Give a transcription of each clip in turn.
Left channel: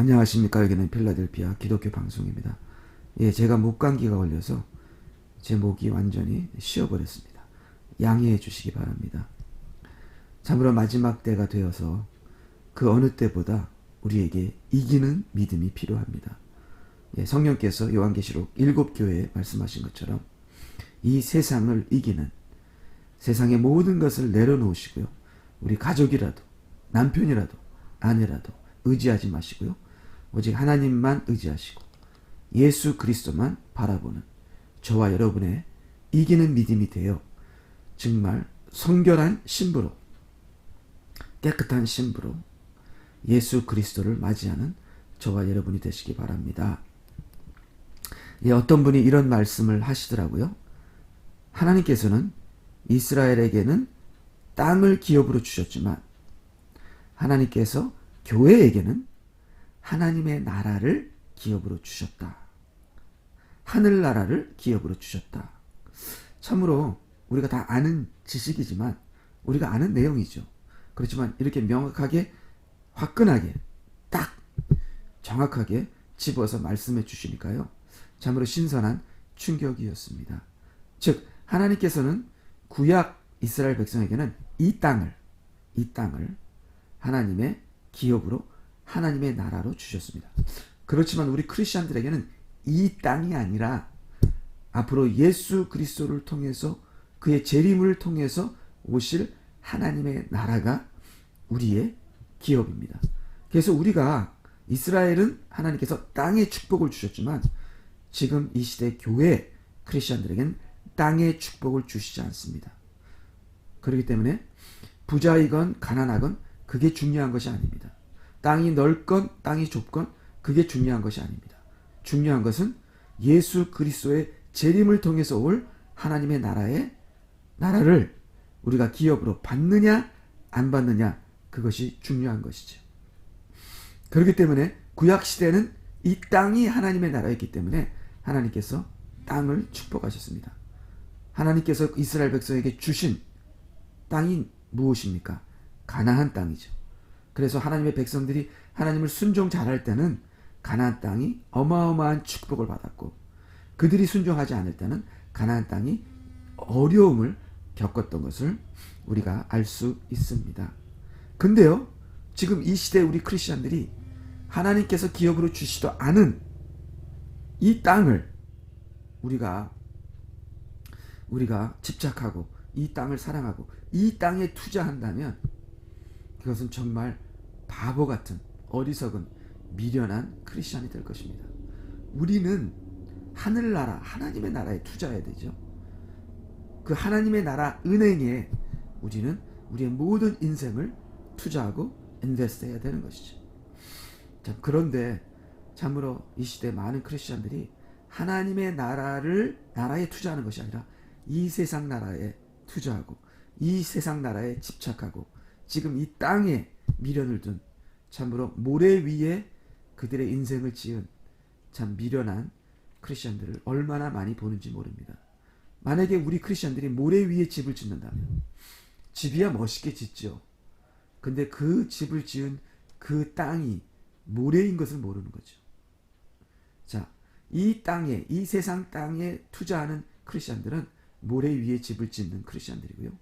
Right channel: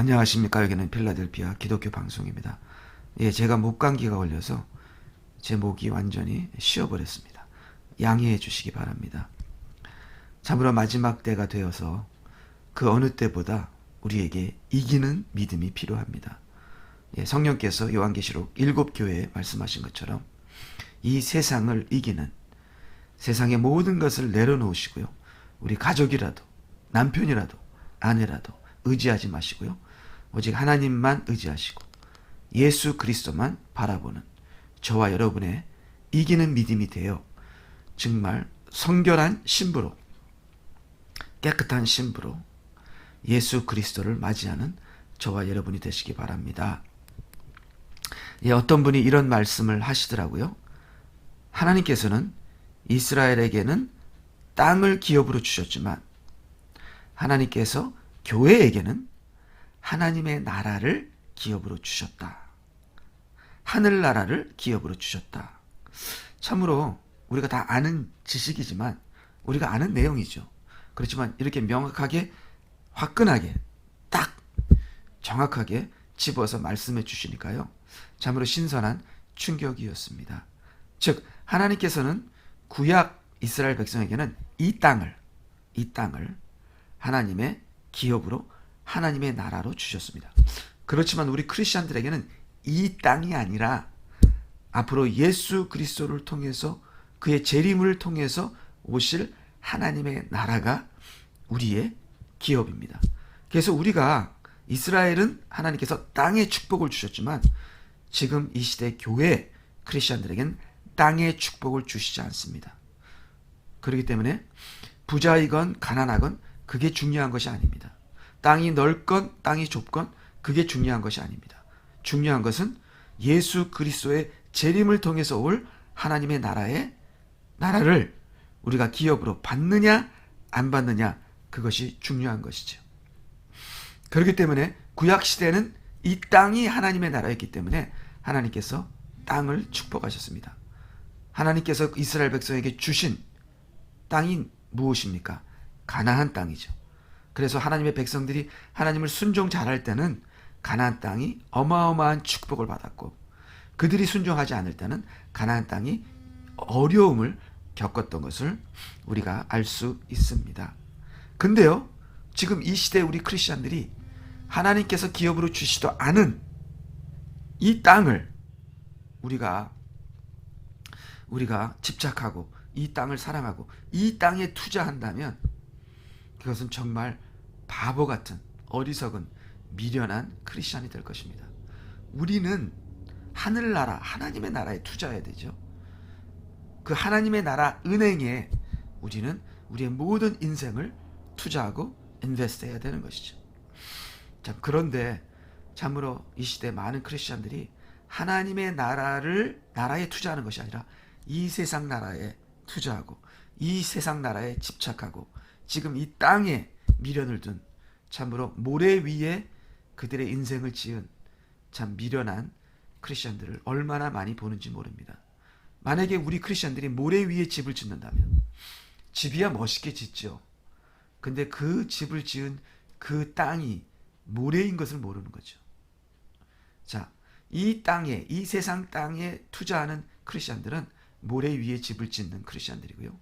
안녕하십니까. 여기는 필라델피아 기독교 방송입니다. 제가 목감기가 걸려서 제 목이 완전히 쉬어버렸습니다. 양해해 주시기 바랍니다. 참으로 마지막 때가 되어서 그 어느 때보다 우리에게 이기는 믿음이 필요합니다. 성령께서 요한계시록 7교회에 말씀하신 것처럼 이 세상을 이기는, 세상의 모든 것을 내려놓으시고요, 우리 가족이라도 남편이라도 아내라도 의지하지 마시고요, 오직 하나님만 의지하시고 예수 그리스도만 바라보는 저와 여러분의 이기는 믿음이 되어 정말 성결한 신부로, 깨끗한 신부로 예수 그리스도를 맞이하는 저와 여러분이 되시기 바랍니다. 어떤 분이 이런 말씀을 하시더라고요. 하나님께서는 이스라엘에게는 땅을 기업으로 주셨지만 하나님께서 교회에게는 하나님의 나라를 기업으로 주셨다. 하늘나라를 기업으로 주셨다. 참으로 우리가 다 아는 지식이지만, 우리가 아는 내용이죠. 그렇지만 이렇게 명확하게, 화끈하게, 딱 정확하게 집어서 말씀해 주시니까요, 참으로 신선한 충격이었습니다. 즉, 하나님께서는 구약 이스라엘 백성에게는 이 땅을 하나님의 기업으로, 하나님의 나라로 주셨습니다. 그렇지만 우리 크리스천들에게는 이 땅이 아니라 앞으로 예수 그리스도를 통해서, 그의 재림을 통해서 오실 하나님의 나라가 우리의 기업입니다. 그래서 우리가, 이스라엘은 하나님께서 땅의 축복을 주셨지만 지금 이 시대 교회 크리스천들에게는 땅의 축복을 주시지 않습니다. 그렇기 때문에 부자이건 가난하건 그게 중요한 것이 아닙니다. 땅이 넓건 땅이 좁건 그게 중요한 것이 아닙니다. 중요한 것은 예수 그리스도의 재림을 통해서 올 하나님의 나라를 우리가 기업으로 받느냐 안 받느냐, 그것이 중요한 것이죠. 그렇기 때문에 구약시대는 이 땅이 하나님의 나라였기 때문에 하나님께서 땅을 축복하셨습니다. 하나님께서 이스라엘 백성에게 주신 땅이 무엇입니까? 가나안 땅이죠. 그래서 하나님의 백성들이 하나님을 순종 잘할 때는 가나안 땅이 어마어마한 축복을 받았고, 그들이 순종하지 않을 때는 가나안 땅이 어려움을 겪었던 것을 우리가 알 수 있습니다. 근데요, 지금 이 시대 우리 크리스천들이 하나님께서 기업으로 주시도 않은 이 땅을 우리가 집착하고 이 땅을 사랑하고 이 땅에 투자한다면 그것은 정말 바보 같은, 어리석은, 미련한 크리스천이 될 것입니다. 우리는 하늘나라, 하나님의 나라에 투자해야 되죠. 그 하나님의 나라 은행에 우리는 우리의 모든 인생을 투자하고 인베스트 해야 되는 것이죠. 자, 그런데 참으로 이 시대 많은 크리스천들이 하나님의 나라에 투자하는 것이 아니라 이 세상 나라에 투자하고 이 세상 나라에 집착하고 지금 이 땅에 미련을 둔, 참으로 모래 위에 그들의 인생을 지은 참 미련한 크리스천들을 얼마나 많이 보는지 모릅니다. 만약에 우리 크리스천들이 모래 위에 집을 짓는다면, 집이야 멋있게 짓죠. 근데 그 집을 지은 그 땅이 모래인 것을 모르는 거죠. 자, 이 땅에, 이 세상 땅에 투자하는 크리스천들은 모래 위에 집을 짓는 크리스천들이고요,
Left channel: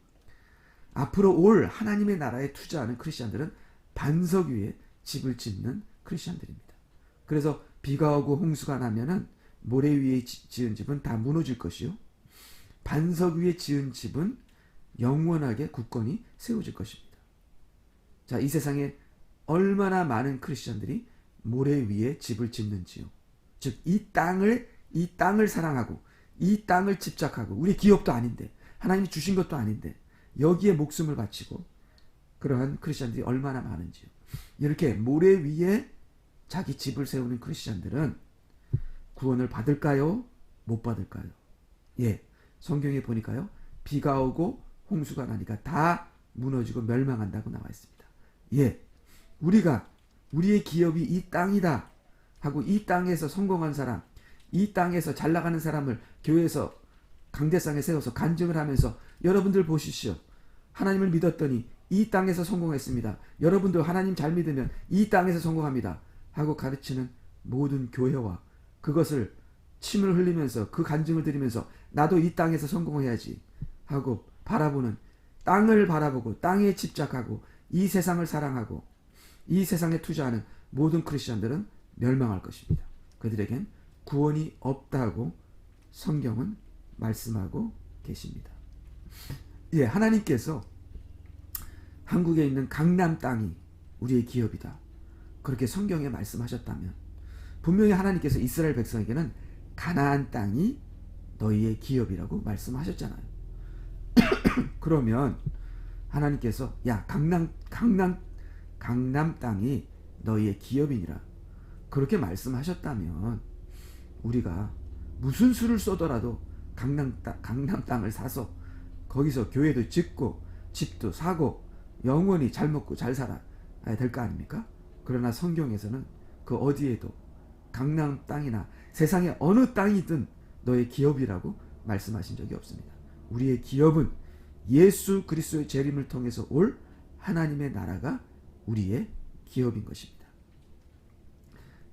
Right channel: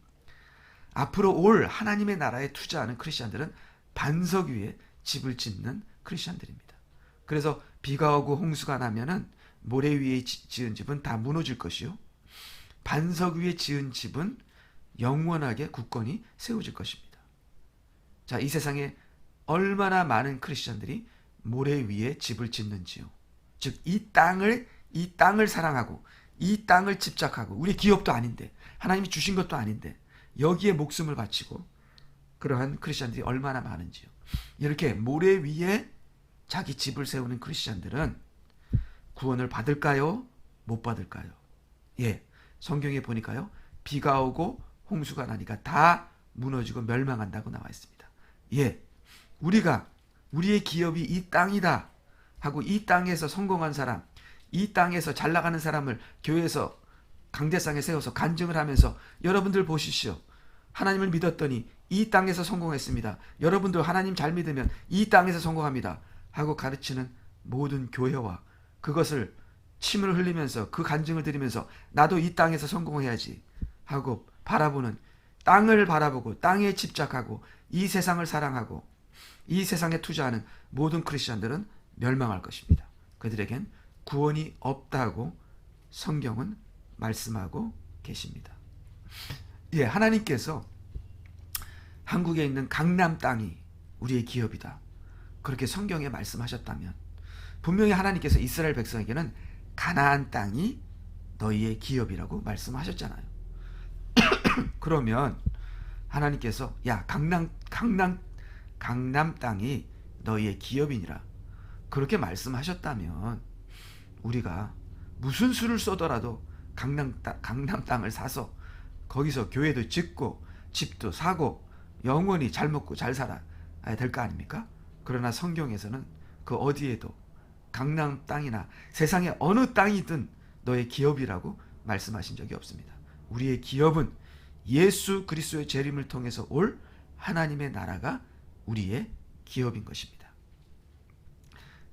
앞으로 올 하나님의 나라에 투자하는 크리스천들은 반석 위에 집을 짓는 크리스천들입니다. 그래서 비가 오고 홍수가 나면은 모래 위에 지은 집은 다 무너질 것이요, 반석 위에 지은 집은 영원하게 굳건히 세워질 것입니다. 자, 이 세상에 얼마나 많은 크리스천들이 모래 위에 집을 짓는지요. 즉, 이 땅을 사랑하고 이 땅을 집착하고, 우리 기업도 아닌데, 하나님이 주신 것도 아닌데 여기에 목숨을 바치고 그러한 크리스천들이 얼마나 많은지요. 이렇게 모래 위에 자기 집을 세우는 크리스천들은 구원을 받을까요? 못 받을까요? 성경에 보니까요, 비가 오고 홍수가 나니까 다 무너지고 멸망한다고 나와 있습니다. 우리의 기업이 이 땅이다 하고 이 땅에서 성공한 사람, 이 땅에서 잘 나가는 사람을 교회에서 강대상에 세워서 간증을 하면서, 여러분들 보십시오, 하나님을 믿었더니 이 땅에서 성공했습니다. 여러분도 하나님 잘 믿으면 이 땅에서 성공합니다 하고 가르치는 모든 교회와 그것을 침을 흘리면서 그 간증을 드리면서 나도 이 땅에서 성공해야지 하고 바라보는, 땅을 바라보고 땅에 집착하고 이 세상을 사랑하고 이 세상에 투자하는 모든 크리스천들은 멸망할 것입니다. 그들에겐 구원이 없다고 성경은 말씀하고 계십니다. 예, 하나님께서 한국에 있는 강남 땅이 우리의 기업이다, 그렇게 성경에 말씀하셨다면 분명히 하나님께서 이스라엘 백성에게는 가나안 땅이 너희의 기업이라고 말씀하셨잖아요. 그러면 하나님께서 야 강남 땅이 너희의 기업이니라 그렇게 말씀하셨다면 우리가 무슨 수를 쏘더라도 강남 땅을 사서 거기서 교회도 짓고 집도 사고 영원히 잘 먹고 잘 살아야 될 거 아닙니까? 그러나 성경에서는 그 어디에도 강남 땅이나 세상의 어느 땅이든 너의 기업이라고 말씀하신 적이 없습니다. 우리의 기업은 예수 그리스도의 재림을 통해서 올 하나님의 나라가 우리의 기업인 것입니다.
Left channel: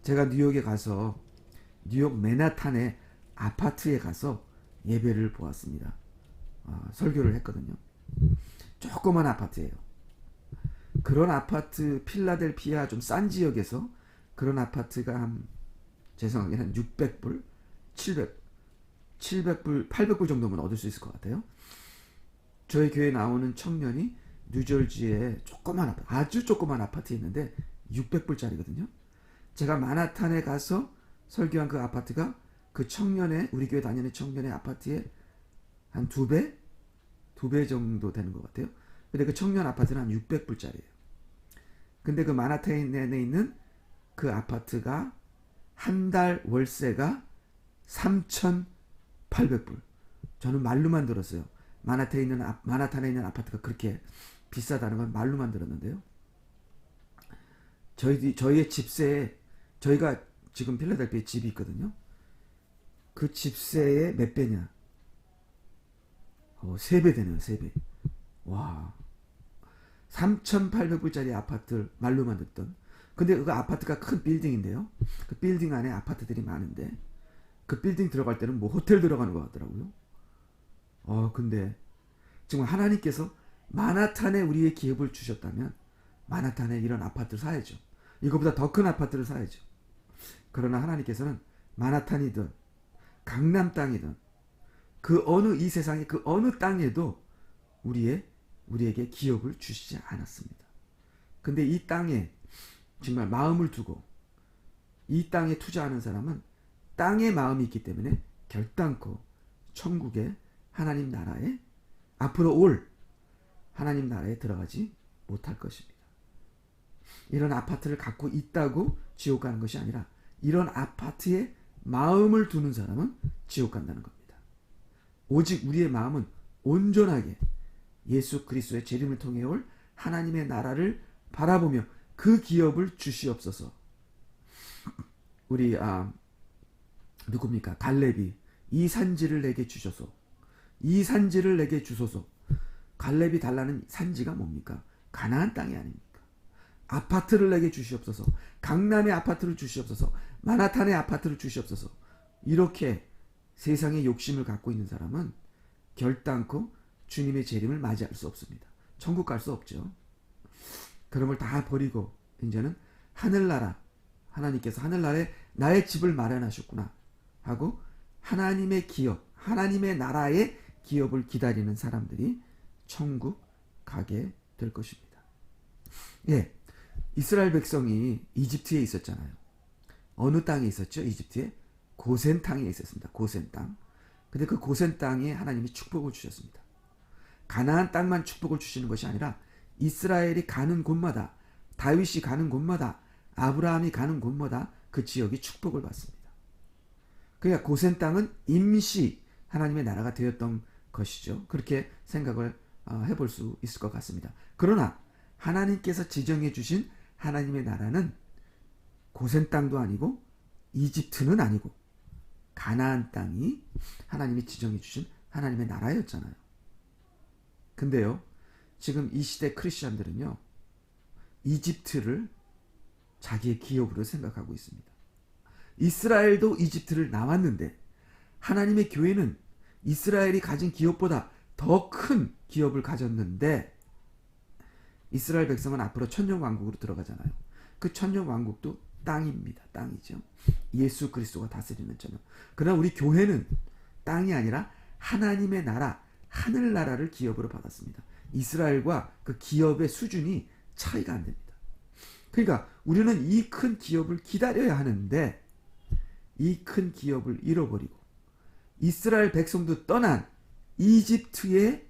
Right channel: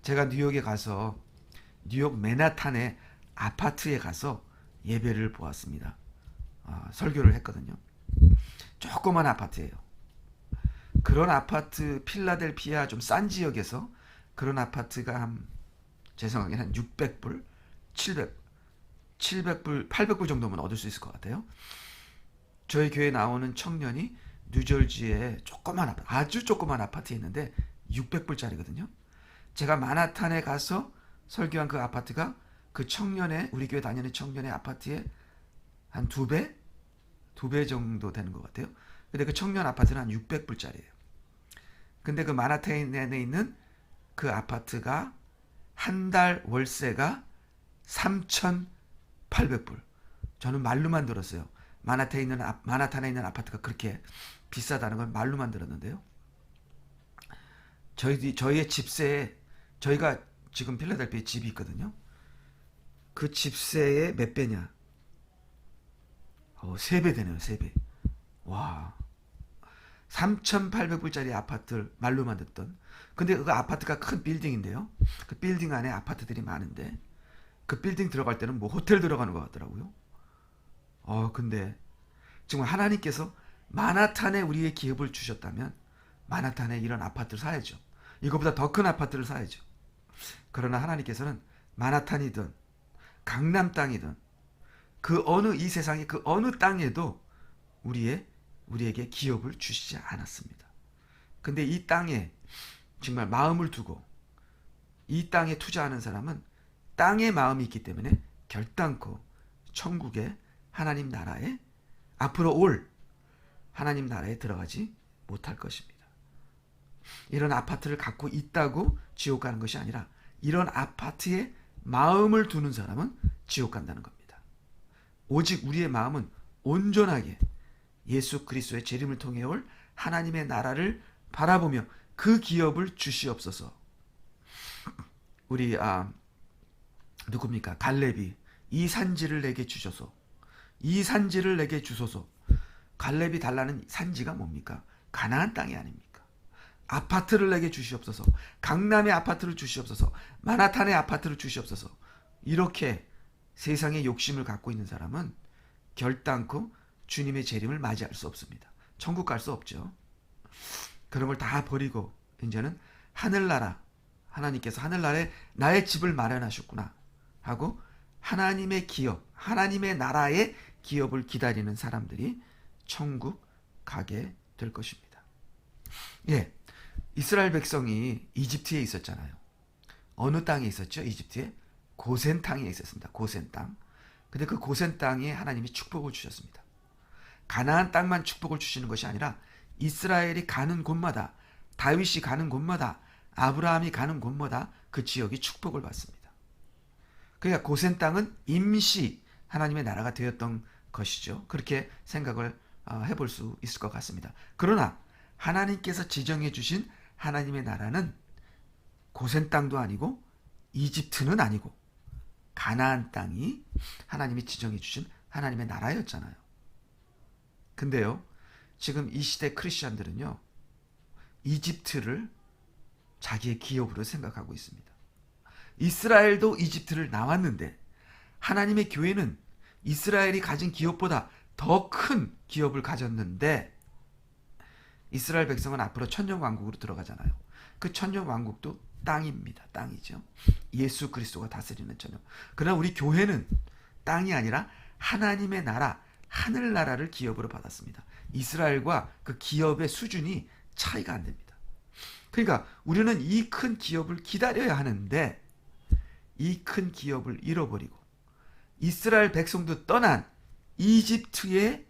제가 뉴욕에 가서 뉴욕 맨하탄의 아파트에 가서 예배를 보았습니다. 설교를 했거든요. 조그만 아파트예요. 그런 아파트, 필라델피아 좀 싼 지역에서 그런 아파트가 제 생각에는 한 600불, 700불, 800불 정도면 얻을 수 있을 것 같아요. 저희 교회 나오는 청년이 뉴저지에 조그만 아파트, 아주 조그만 아파트에 있는데 600불짜리거든요. 제가 만하탄에 가서 설교한 그 아파트가 그 청년의, 우리 교회 다니는 청년의 아파트의 한 2배? 2배 정도 되는 것 같아요. 근데 그 청년 아파트는 한 600불짜리예요. 근데 그 만하탄에 있는 그 아파트가 한 달 월세가 3,800불. 저는 말로만 들었어요. 만하탄에 있는 아파트가 그렇게 비싸다는 건 말로만 들었는데요. 저희의 집세에, 저희가 지금 필라델피아에 집이 있거든요. 그 집세의 몇 배냐? 3배 되네요. 3배. 와, 3,800불짜리 아파트를 말로만 듣던. 근데 그 아파트가 큰 빌딩인데요. 그 빌딩 안에 아파트들이 많은데 그 빌딩 들어갈 때는 뭐 호텔 들어가는 것 같더라고요. 근데 정말 하나님께서 만하탄에 우리의 기업을 주셨다면 만하탄에 이런 아파트를 사야죠. 이거보다 더 큰 아파트를 사야죠. 그러나 하나님께서는 만하탄이든 강남 땅이든 그 어느, 이 세상의 그 어느 땅에도 우리에게 기업을 주시지 않았습니다. 근데 이 땅에 정말 마음을 두고 이 땅에 투자하는 사람은 땅에 마음이 있기 때문에 결단코 천국의 하나님 나라에, 앞으로 올 하나님 나라에 들어가지 못할 것입니다. 이런 아파트를 갖고 있다고 지옥 가는 것이 아니라 이런 아파트에 마음을 두는 사람은 지옥 간다는 겁니다. 오직 우리의 마음은 온전하게 예수 그리스도의 재림을 통해 올 하나님의 나라를 바라보며 그 기업을 주시옵소서. 우리 누굽니까? 갈렙이 이 산지를 내게 주셔서, 이 산지를 내게 주소서. 갈렙이 달라는 산지가 뭡니까? 가나안 땅이 아닙니까? 아파트를 내게 주시옵소서. 강남의 아파트를 주시옵소서. 만하탄의 아파트를 주시옵소서. 이렇게 세상의 욕심을 갖고 있는 사람은 결단코 주님의 재림을 맞이할 수 없습니다. 천국 갈 수 없죠. 그런 걸 다 버리고 이제는 하늘나라, 하나님께서 하늘나라에 나의 집을 마련하셨구나 하고 하나님의 기업, 하나님의 나라의 기업을 기다리는 사람들이 천국 가게 될 것입니다. 예, 이스라엘 백성이 이집트에 있었잖아요. 어느 땅에 있었죠? 이집트에 고센 땅에 있었습니다. 고센 땅. 근데 그 고센 땅에 하나님이 축복을 주셨습니다. 가나안 땅만 축복을 주시는 것이 아니라 이스라엘이 가는 곳마다, 다윗이 가는 곳마다, 아브라함이 가는 곳마다 그 지역이 축복을 받습니다. 그러니까 고센 땅은 임시 하나님의 나라가 되었던 것이죠. 그렇게 생각을 해볼 수 있을 것 같습니다. 그러나 하나님께서 지정해 주신 하나님의 나라는 고센 땅도 아니고 이집트는 아니고 가나안 땅이 하나님이 지정해 주신 하나님의 나라였잖아요. 근데요, 지금 이 시대 크리스천들은요, 이집트를 자기의 기업으로 생각하고 있습니다. 이스라엘도 이집트를 나왔는데 하나님의 교회는 이스라엘이 가진 기업보다 더 큰 기업을 가졌는데 이스라엘 백성은 앞으로 천년왕국으로 들어가잖아요. 그 천년왕국도 땅입니다. 땅이죠. 예수 그리스도가 다스리는 천년. 그러나 우리 교회는 땅이 아니라 하나님의 나라, 하늘나라를 기업으로 받았습니다. 이스라엘과 그 기업의 수준이 차이가 안 됩니다. 그러니까 우리는 이 큰 기업을 기다려야 하는데 이 큰 기업을 잃어버리고 이스라엘 백성도 떠난 이집트가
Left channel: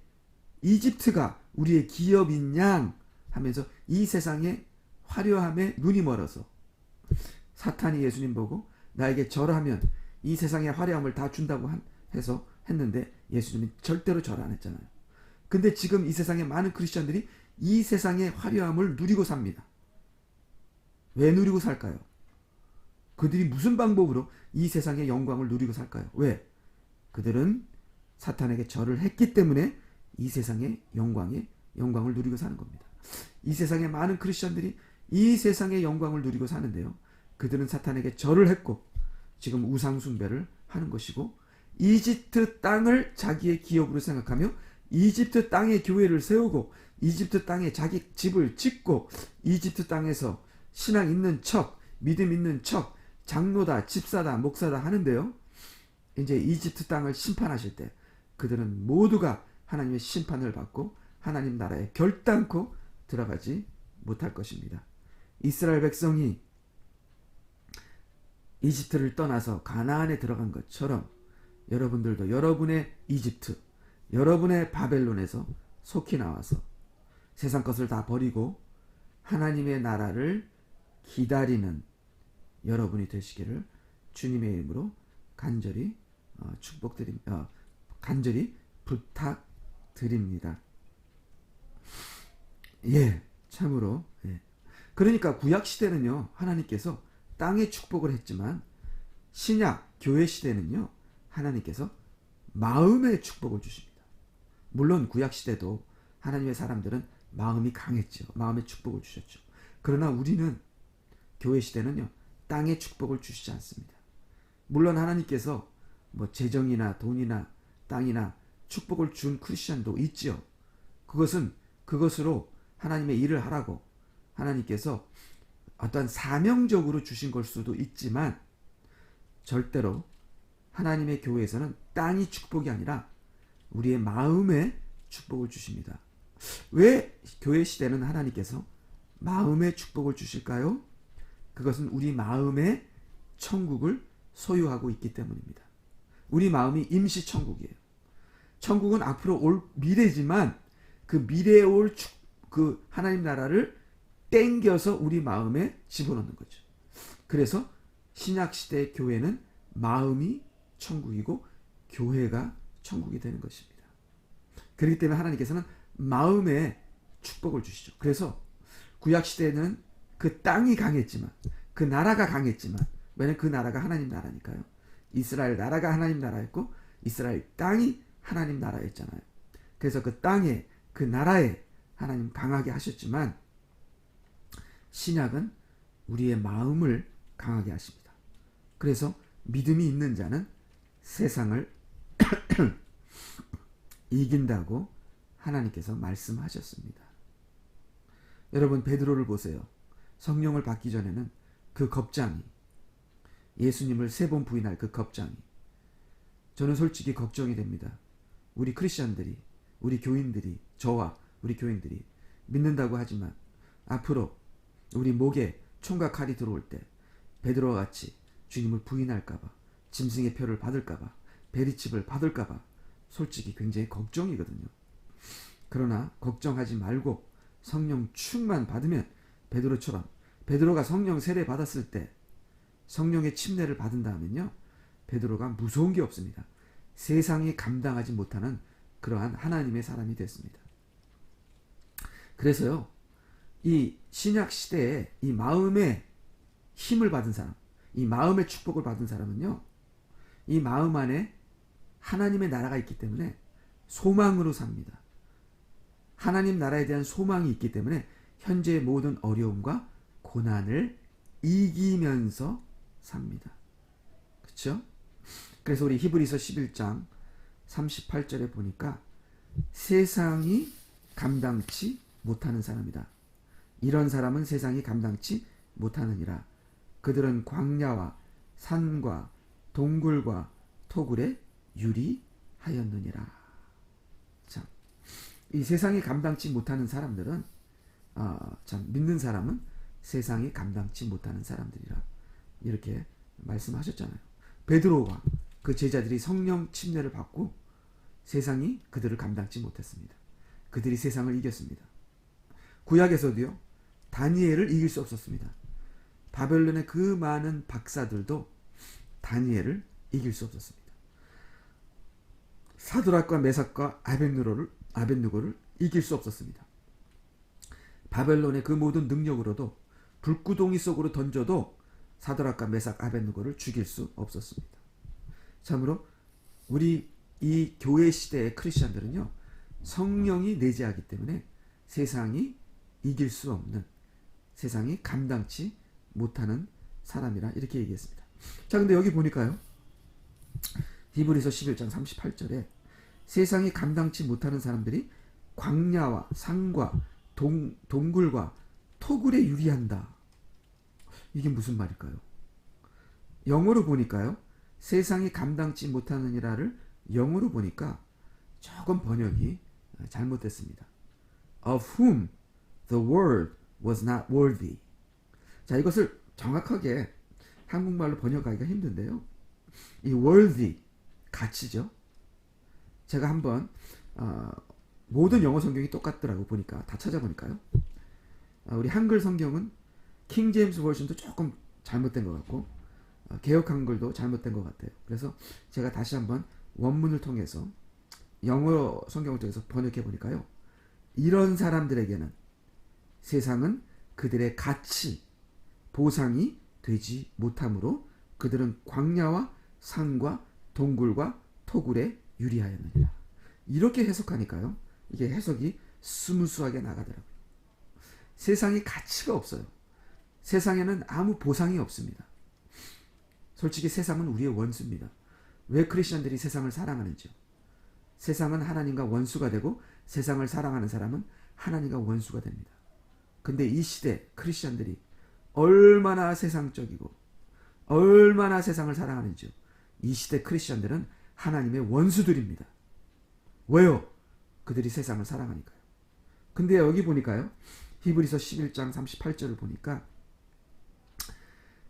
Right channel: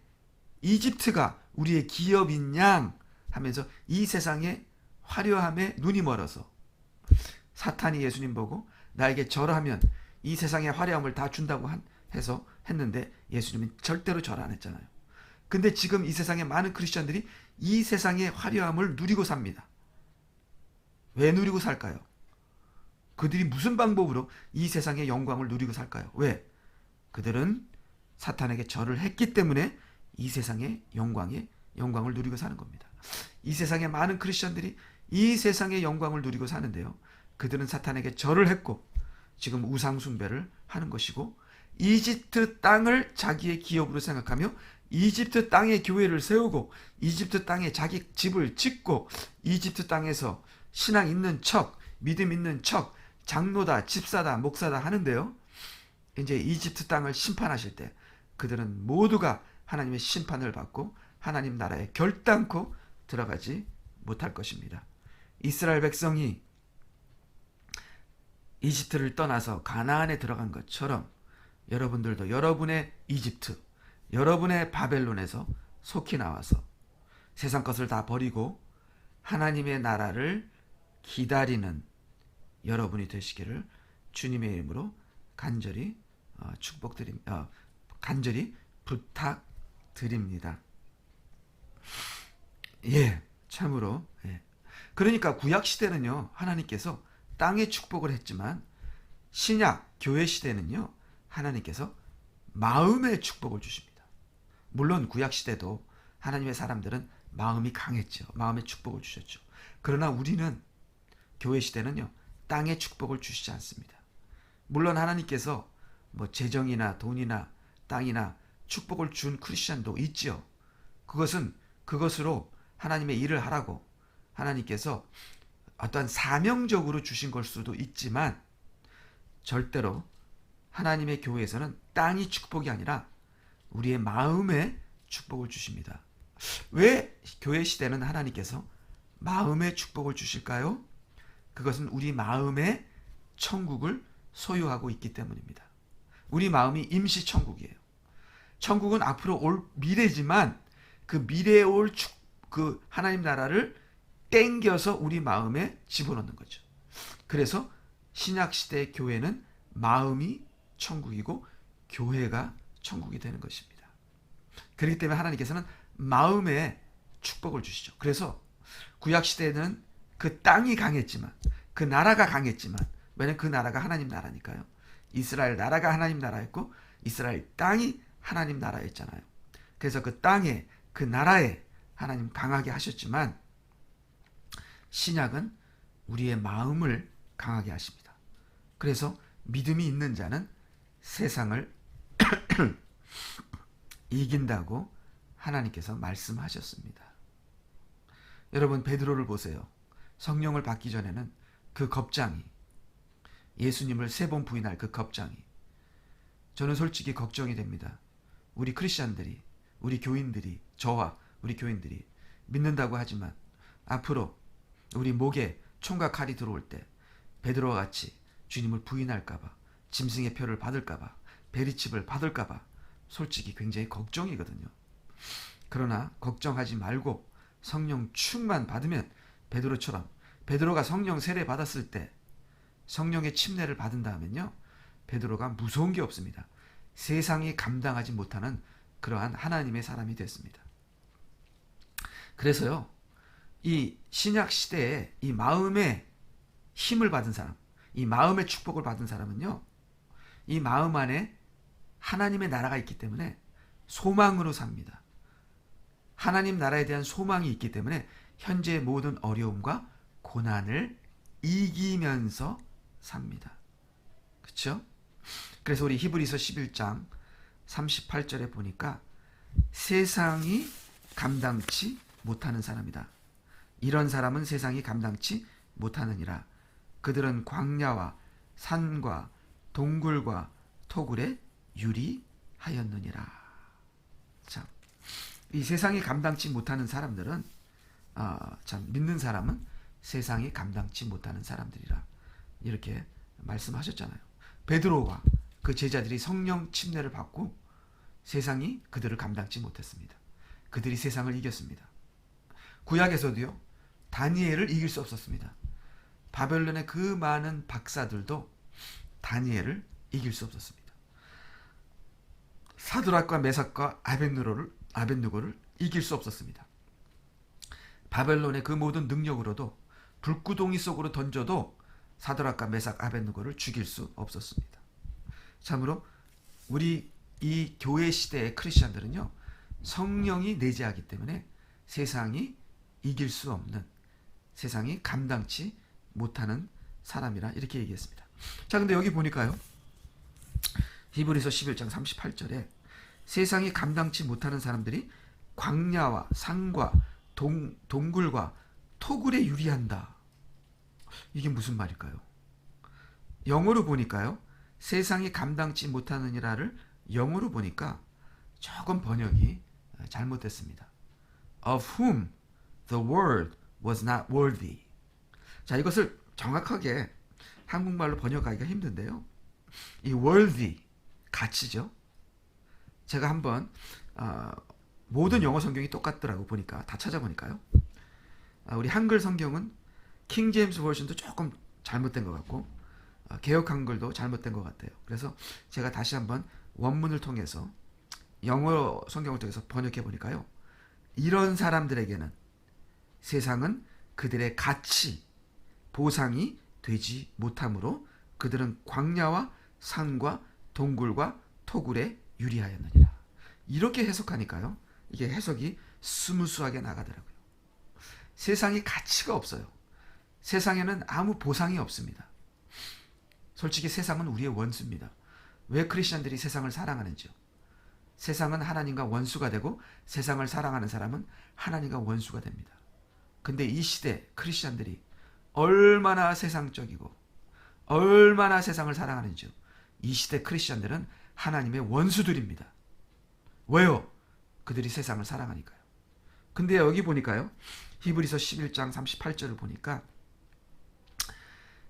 우리의 기업인 양 하면서 이 세상의 화려함에 눈이 멀어서 사탄이 예수님 보고 나에게 절하면 이 세상의 화려함을 다 준다고 해서 했는데 예수님은 절대로 절 안 했잖아요. 근데 지금 이 세상의 많은 크리스천들이 이 세상의 화려함을 누리고 삽니다. 왜 누리고 살까요? 그들이 무슨 방법으로 이 세상의 영광을 누리고 살까요? 왜? 그들은 사탄에게 절을 했기 때문에 이 세상의 영광을 누리고 사는 겁니다. 이 세상의 많은 크리스천들이 이 세상의 영광을 누리고 사는데요. 그들은 사탄에게 절을 했고 지금 우상 숭배를 하는 것이고 이집트 땅을 자기의 기업으로 생각하며 이집트 땅에 교회를 세우고 이집트 땅에 자기 집을 짓고 이집트 땅에서 신앙 있는 척, 믿음 있는 척, 장로다, 집사다, 목사다 하는데요. 이제 이집트 땅을 심판하실 때 그들은 모두가 하나님의 심판을 받고 하나님 나라에 결단코 들어가지 못할 것입니다. 이스라엘 백성이 이집트를 떠나서 가나안에 들어간 것처럼 여러분들도 여러분의 이집트, 여러분의 바벨론에서 속히 나와서 세상 것을 다 버리고 하나님의 나라를 기다리는 여러분이 되시기를 주님의 이름으로 간절히 간절히 부탁드립니다. 예, 참으로. 예. 그러니까 구약 시대는요, 하나님께서 땅의 축복을 했지만 신약 교회 시대는요, 하나님께서 마음의 축복을 주십니다. 물론 구약 시대도 하나님의 사람들은 마음이 강했죠. 마음의 축복을 주셨죠. 그러나 우리는 교회 시대는요, 땅의 축복을 주시지 않습니다. 물론 하나님께서 뭐 재정이나 돈이나 땅이나 축복을 준 크리스천도 있지요. 그것으로 하나님의 일을 하라고 하나님께서 어떤 사명적으로 주신 걸 수도 있지만 절대로 하나님의 교회에서는 땅이 축복이 아니라 우리의 마음의 축복을 주십니다. 왜 교회 시대는 하나님께서 마음의 축복을 주실까요? 그것은 우리 마음의 천국을 소유하고 있기 때문입니다. 우리 마음이 임시 천국이에요. 천국은 앞으로 올 미래지만 그 미래에 올 그 하나님 나라를 땡겨서 우리 마음에 집어넣는 거죠. 그래서 신약 시대의 교회는 마음이 천국이고 교회가 천국이 되는 것입니다. 그렇기 때문에 하나님께서는 마음에 축복을 주시죠. 그래서 구약 시대는 그 땅이 강했지만 그 나라가 강했지만 왜냐하면 그 나라가 하나님 나라니까요. 이스라엘 나라가 하나님 나라였고 이스라엘 땅이 하나님 나라였잖아요. 그래서 그 땅에 그 나라에 하나님 강하게 하셨지만 신약은 우리의 마음을 강하게 하십니다. 그래서 믿음이 있는 자는 세상을 이긴다고 하나님께서 말씀하셨습니다. 여러분 베드로를 보세요. 성령을 받기 전에는 그 겁장이 예수님을 3번 부인할 그 겁장이 저는 솔직히 걱정이 됩니다. 우리 크리스천들이 우리 교인들이 저와 우리 교인들이 믿는다고 하지만 앞으로 우리 목에 총과 칼이 들어올 때 베드로와 같이 주님을 부인할까봐 짐승의 표를 받을까봐 베리칩을 받을까봐 솔직히 굉장히 걱정이거든요. 그러나 걱정하지 말고 성령 충만 받으면 베드로처럼 베드로가 성령 세례 받았을 때 성령의 침례를 받은다면요 베드로가 무서운 게 없습니다. 세상이 감당하지 못하는 그러한 하나님의 사람이 됐습니다. 그래서요 이 신약 시대에 이 마음의 힘을 받은 사람, 이 마음의 축복을 받은 사람은요 이 마음 안에 하나님의 나라가 있기 때문에 소망으로 삽니다. 하나님 나라에 대한 소망이 있기 때문에 현재의 모든 어려움과 고난을 이기면서 삽니다. 그렇죠? 그래서 우리 히브리서 11장 38절에 보니까 세상이 감당치 못하는 사람이다. 이런 사람은 세상이 감당치 못하느니라. 그들은 광야와 산과 동굴과 토굴에 유리하였느니라. 참, 이 세상이 감당치 못하는 사람들은 참 믿는 사람은 세상이 감당치 못하는 사람들이라 이렇게 말씀하셨잖아요. 베드로와 그 제자들이 성령 침례를 받고 세상이 그들을 감당치 못했습니다. 그들이 세상을 이겼습니다. 구약에서도요, 다니엘을 이길 수 없었습니다. 바벨론의 그 많은 박사들도 다니엘을 이길 수 없었습니다. 사드락과 메삭과 아벳느고를 이길 수 없었습니다. 바벨론의 그 모든 능력으로도 불구덩이 속으로 던져도 사드락과 메삭 아벳느고를 죽일 수 없었습니다. 참으로 우리 이 교회 시대의 크리스천들은요, 성령이 내재하기 때문에 세상이 이길 수 없는, 세상이 감당치 못하는 사람이라 이렇게 얘기했습니다. 자, 근데 여기 보니까요, 히브리서 11장 38절에 세상이 감당치 못하는 사람들이 광야와 산과 동굴과 토굴에 유리한다. 이게 무슨 말일까요? 영어로 보니까요, 세상이 감당치 못하느니라를 영어로 보니까 조금 번역이 잘못됐습니다. Of whom the world was not worthy. 자, 이것을 정확하게 한국말로 번역하기가 힘든데요, 이 worthy, 가치죠. 제가 한번 모든 영어 성경이 똑같더라고 보니까, 다 찾아보니까요, 우리 한글 성경은 킹 제임스 버전도 조금 잘못된 것 같고 개역 한글도 잘못된 것 같아요. 그래서 제가 다시 한번 원문을 통해서 영어 성경을 통해서 번역해 보니까요, 이런 사람들에게는 세상은 그들의 가치, 보상이 되지 못하므로 그들은 광야와 산과 동굴과 토굴에 유리하였느니라. 이렇게 해석하니까요, 이게 해석이 스무스하게 나가더라고요. 세상이 가치가 없어요. 세상에는 아무 보상이 없습니다. 솔직히 세상은 우리의 원수입니다. 왜 크리스천들이 세상을 사랑하는지요? 세상은 하나님과 원수가 되고 세상을 사랑하는 사람은 하나님과 원수가 됩니다. 근데 이 시대 크리스천들이 얼마나 세상적이고 얼마나 세상을 사랑하는지요? 이 시대 크리스천들은 하나님의 원수들입니다. 왜요? 그들이 세상을 사랑하니까요. 근데 여기 보니까요, 히브리서 11장 38절을 보니까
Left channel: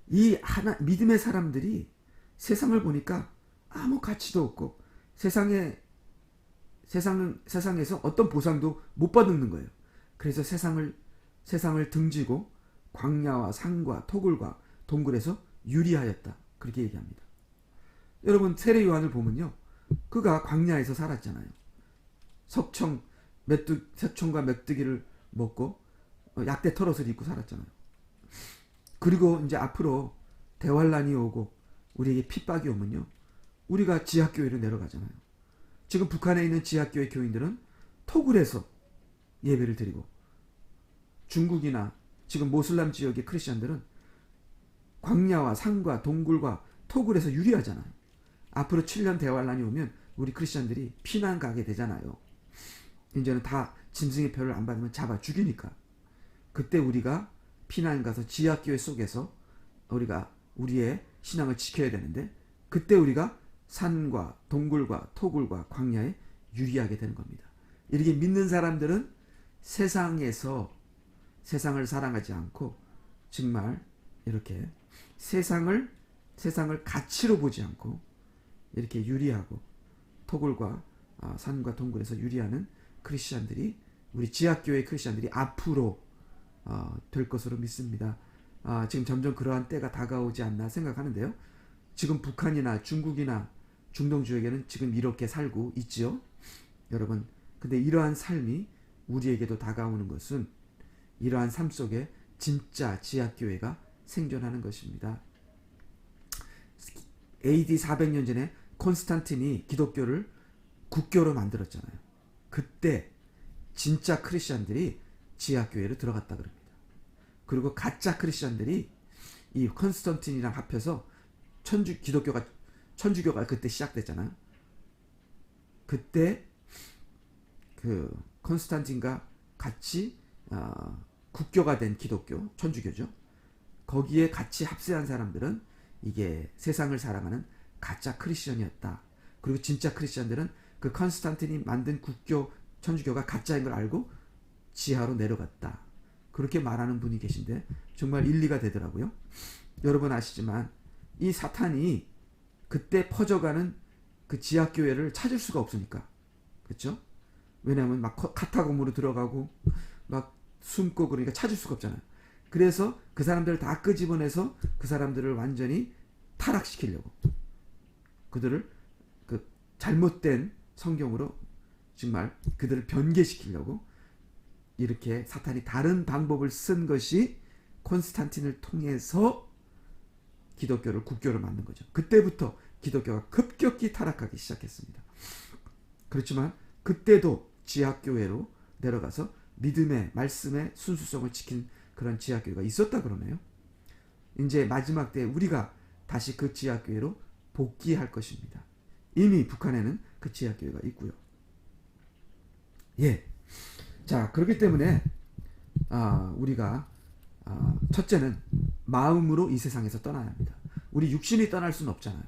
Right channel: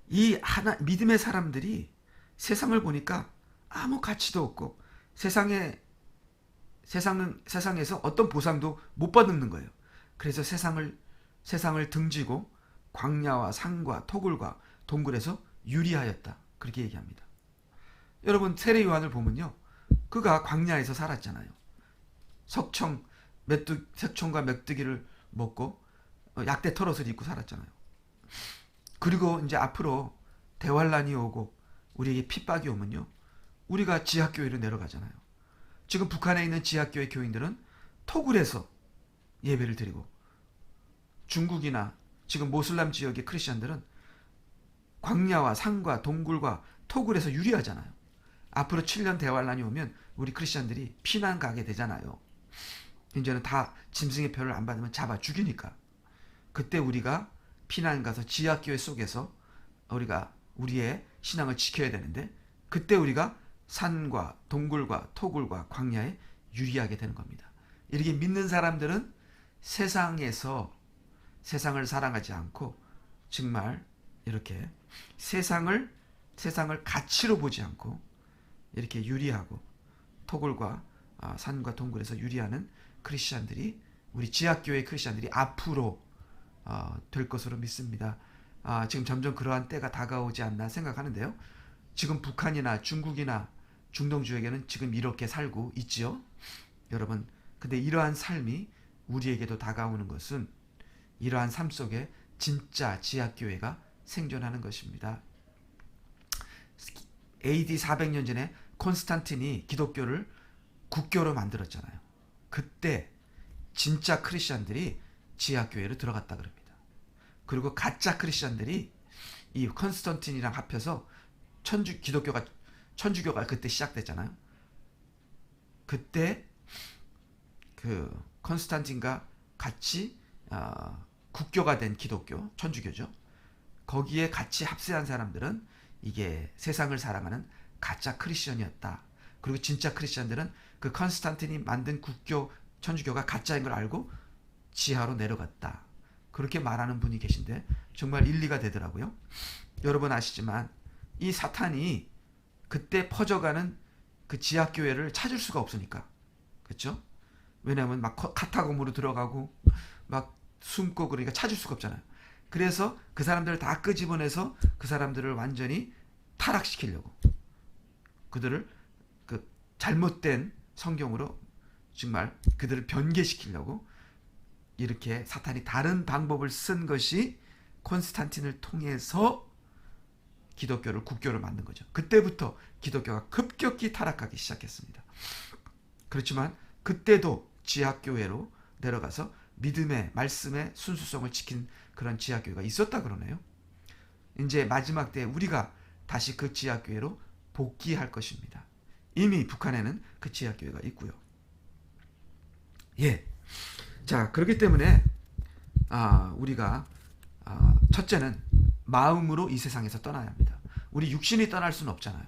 이 믿음의 사람들이 세상을 보니까 아무 가치도 없고 세상에서 어떤 보상도 못 받는 거예요. 그래서 세상을 등지고 광야와 산과 토굴과 동굴에서 유리하였다, 그렇게 얘기합니다. 여러분, 세례 요한을 보면요, 그가 광야에서 살았잖아요. 색청과 메뚜기를 먹고 약대 털옷을 입고 살았잖아요. 그리고 이제 앞으로 대환란이 오고 우리에게 핍박이 오면요, 우리가 지하교회로 내려가잖아요. 지금 북한에 있는 지하교회 교인들은 토굴에서 예배를 드리고, 중국이나 지금 모슬람 지역의 크리스천들은 광야와 산과 동굴과 토굴에서 유리하잖아요. 앞으로 7년 대환란이 오면 우리 크리스천들이 피난 가게 되잖아요. 이제는 다 짐승의 표를 안 받으면 잡아 죽이니까. 그때 우리가 피난 가서 지하교회 속에서 우리가 우리의 신앙을 지켜야 되는데, 그때 우리가 산과 동굴과 토굴과 광야에 유리하게 되는 겁니다. 이렇게 믿는 사람들은 세상에서 세상을 사랑하지 않고 정말 이렇게 세상을 가치로 보지 않고 이렇게 유리하고 토굴과 산과 동굴에서 유리하는 크리스천들이, 우리 지하교회 크리스천들이 앞으로 될 것으로 믿습니다. 지금 점점 그러한 때가 다가오지 않나 생각하는데요. 지금 북한이나 중국이나 중동 지역에는 지금 이렇게 살고 있지요, 여러분. 근데 이러한 삶이 우리에게도 다가오는 것은 이러한 삶 속에 진짜 지하교회가 생존하는 것입니다. AD 400년 전에 콘스탄틴이 기독교를 국교로 만들었잖아요. 그때 진짜 크리스천들이 지하교회로 들어갔다 그럽니다. 그리고 가짜 크리스천들이 이 컨스탄틴이랑 합해서 천주교가 그때 시작됐잖아요. 그때 그 컨스탄틴과 같이 국교가 된 기독교, 천주교죠. 거기에 같이 합세한 사람들은 이게 세상을 사랑하는 가짜 크리스천이었다. 그리고 진짜 크리스천들은 그 컨스탄틴이 만든 국교 천주교가 가짜인 걸 알고 지하로 내려갔다. 그렇게 말하는 분이 계신데 정말 일리가 되더라고요. 여러분 아시지만 이 사탄이 그때 퍼져가는 그 지하교회를 찾을 수가 없으니까. 그렇죠? 왜냐하면 막 카타콤으로 들어가고 막 숨고 그러니까 찾을 수가 없잖아요. 그래서 그 사람들을 다 끄집어내서 그 사람들을 완전히 타락시키려고, 그들을 그 잘못된 성경으로 정말 그들을 변개시키려고 이렇게 사탄이 다른 방법을 쓴 것이 콘스탄틴을 통해서 기독교를 국교를 만든 거죠. 그때부터 기독교가 급격히 타락하기 시작했습니다. 그렇지만 그때도 지하교회로 내려가서 믿음의 말씀의 순수성을 지킨 그런 지하교회가 있었다 그러네요. 이제 마지막 때에 우리가 다시 그 지하교회로 복귀할 것입니다. 이미 북한에는 그 지하교회가 있고요. 예. 자, 그렇기 때문에 우리가 첫째는 마음으로 이 세상에서 떠나야 합니다. 우리 육신이 떠날 수는 없잖아요.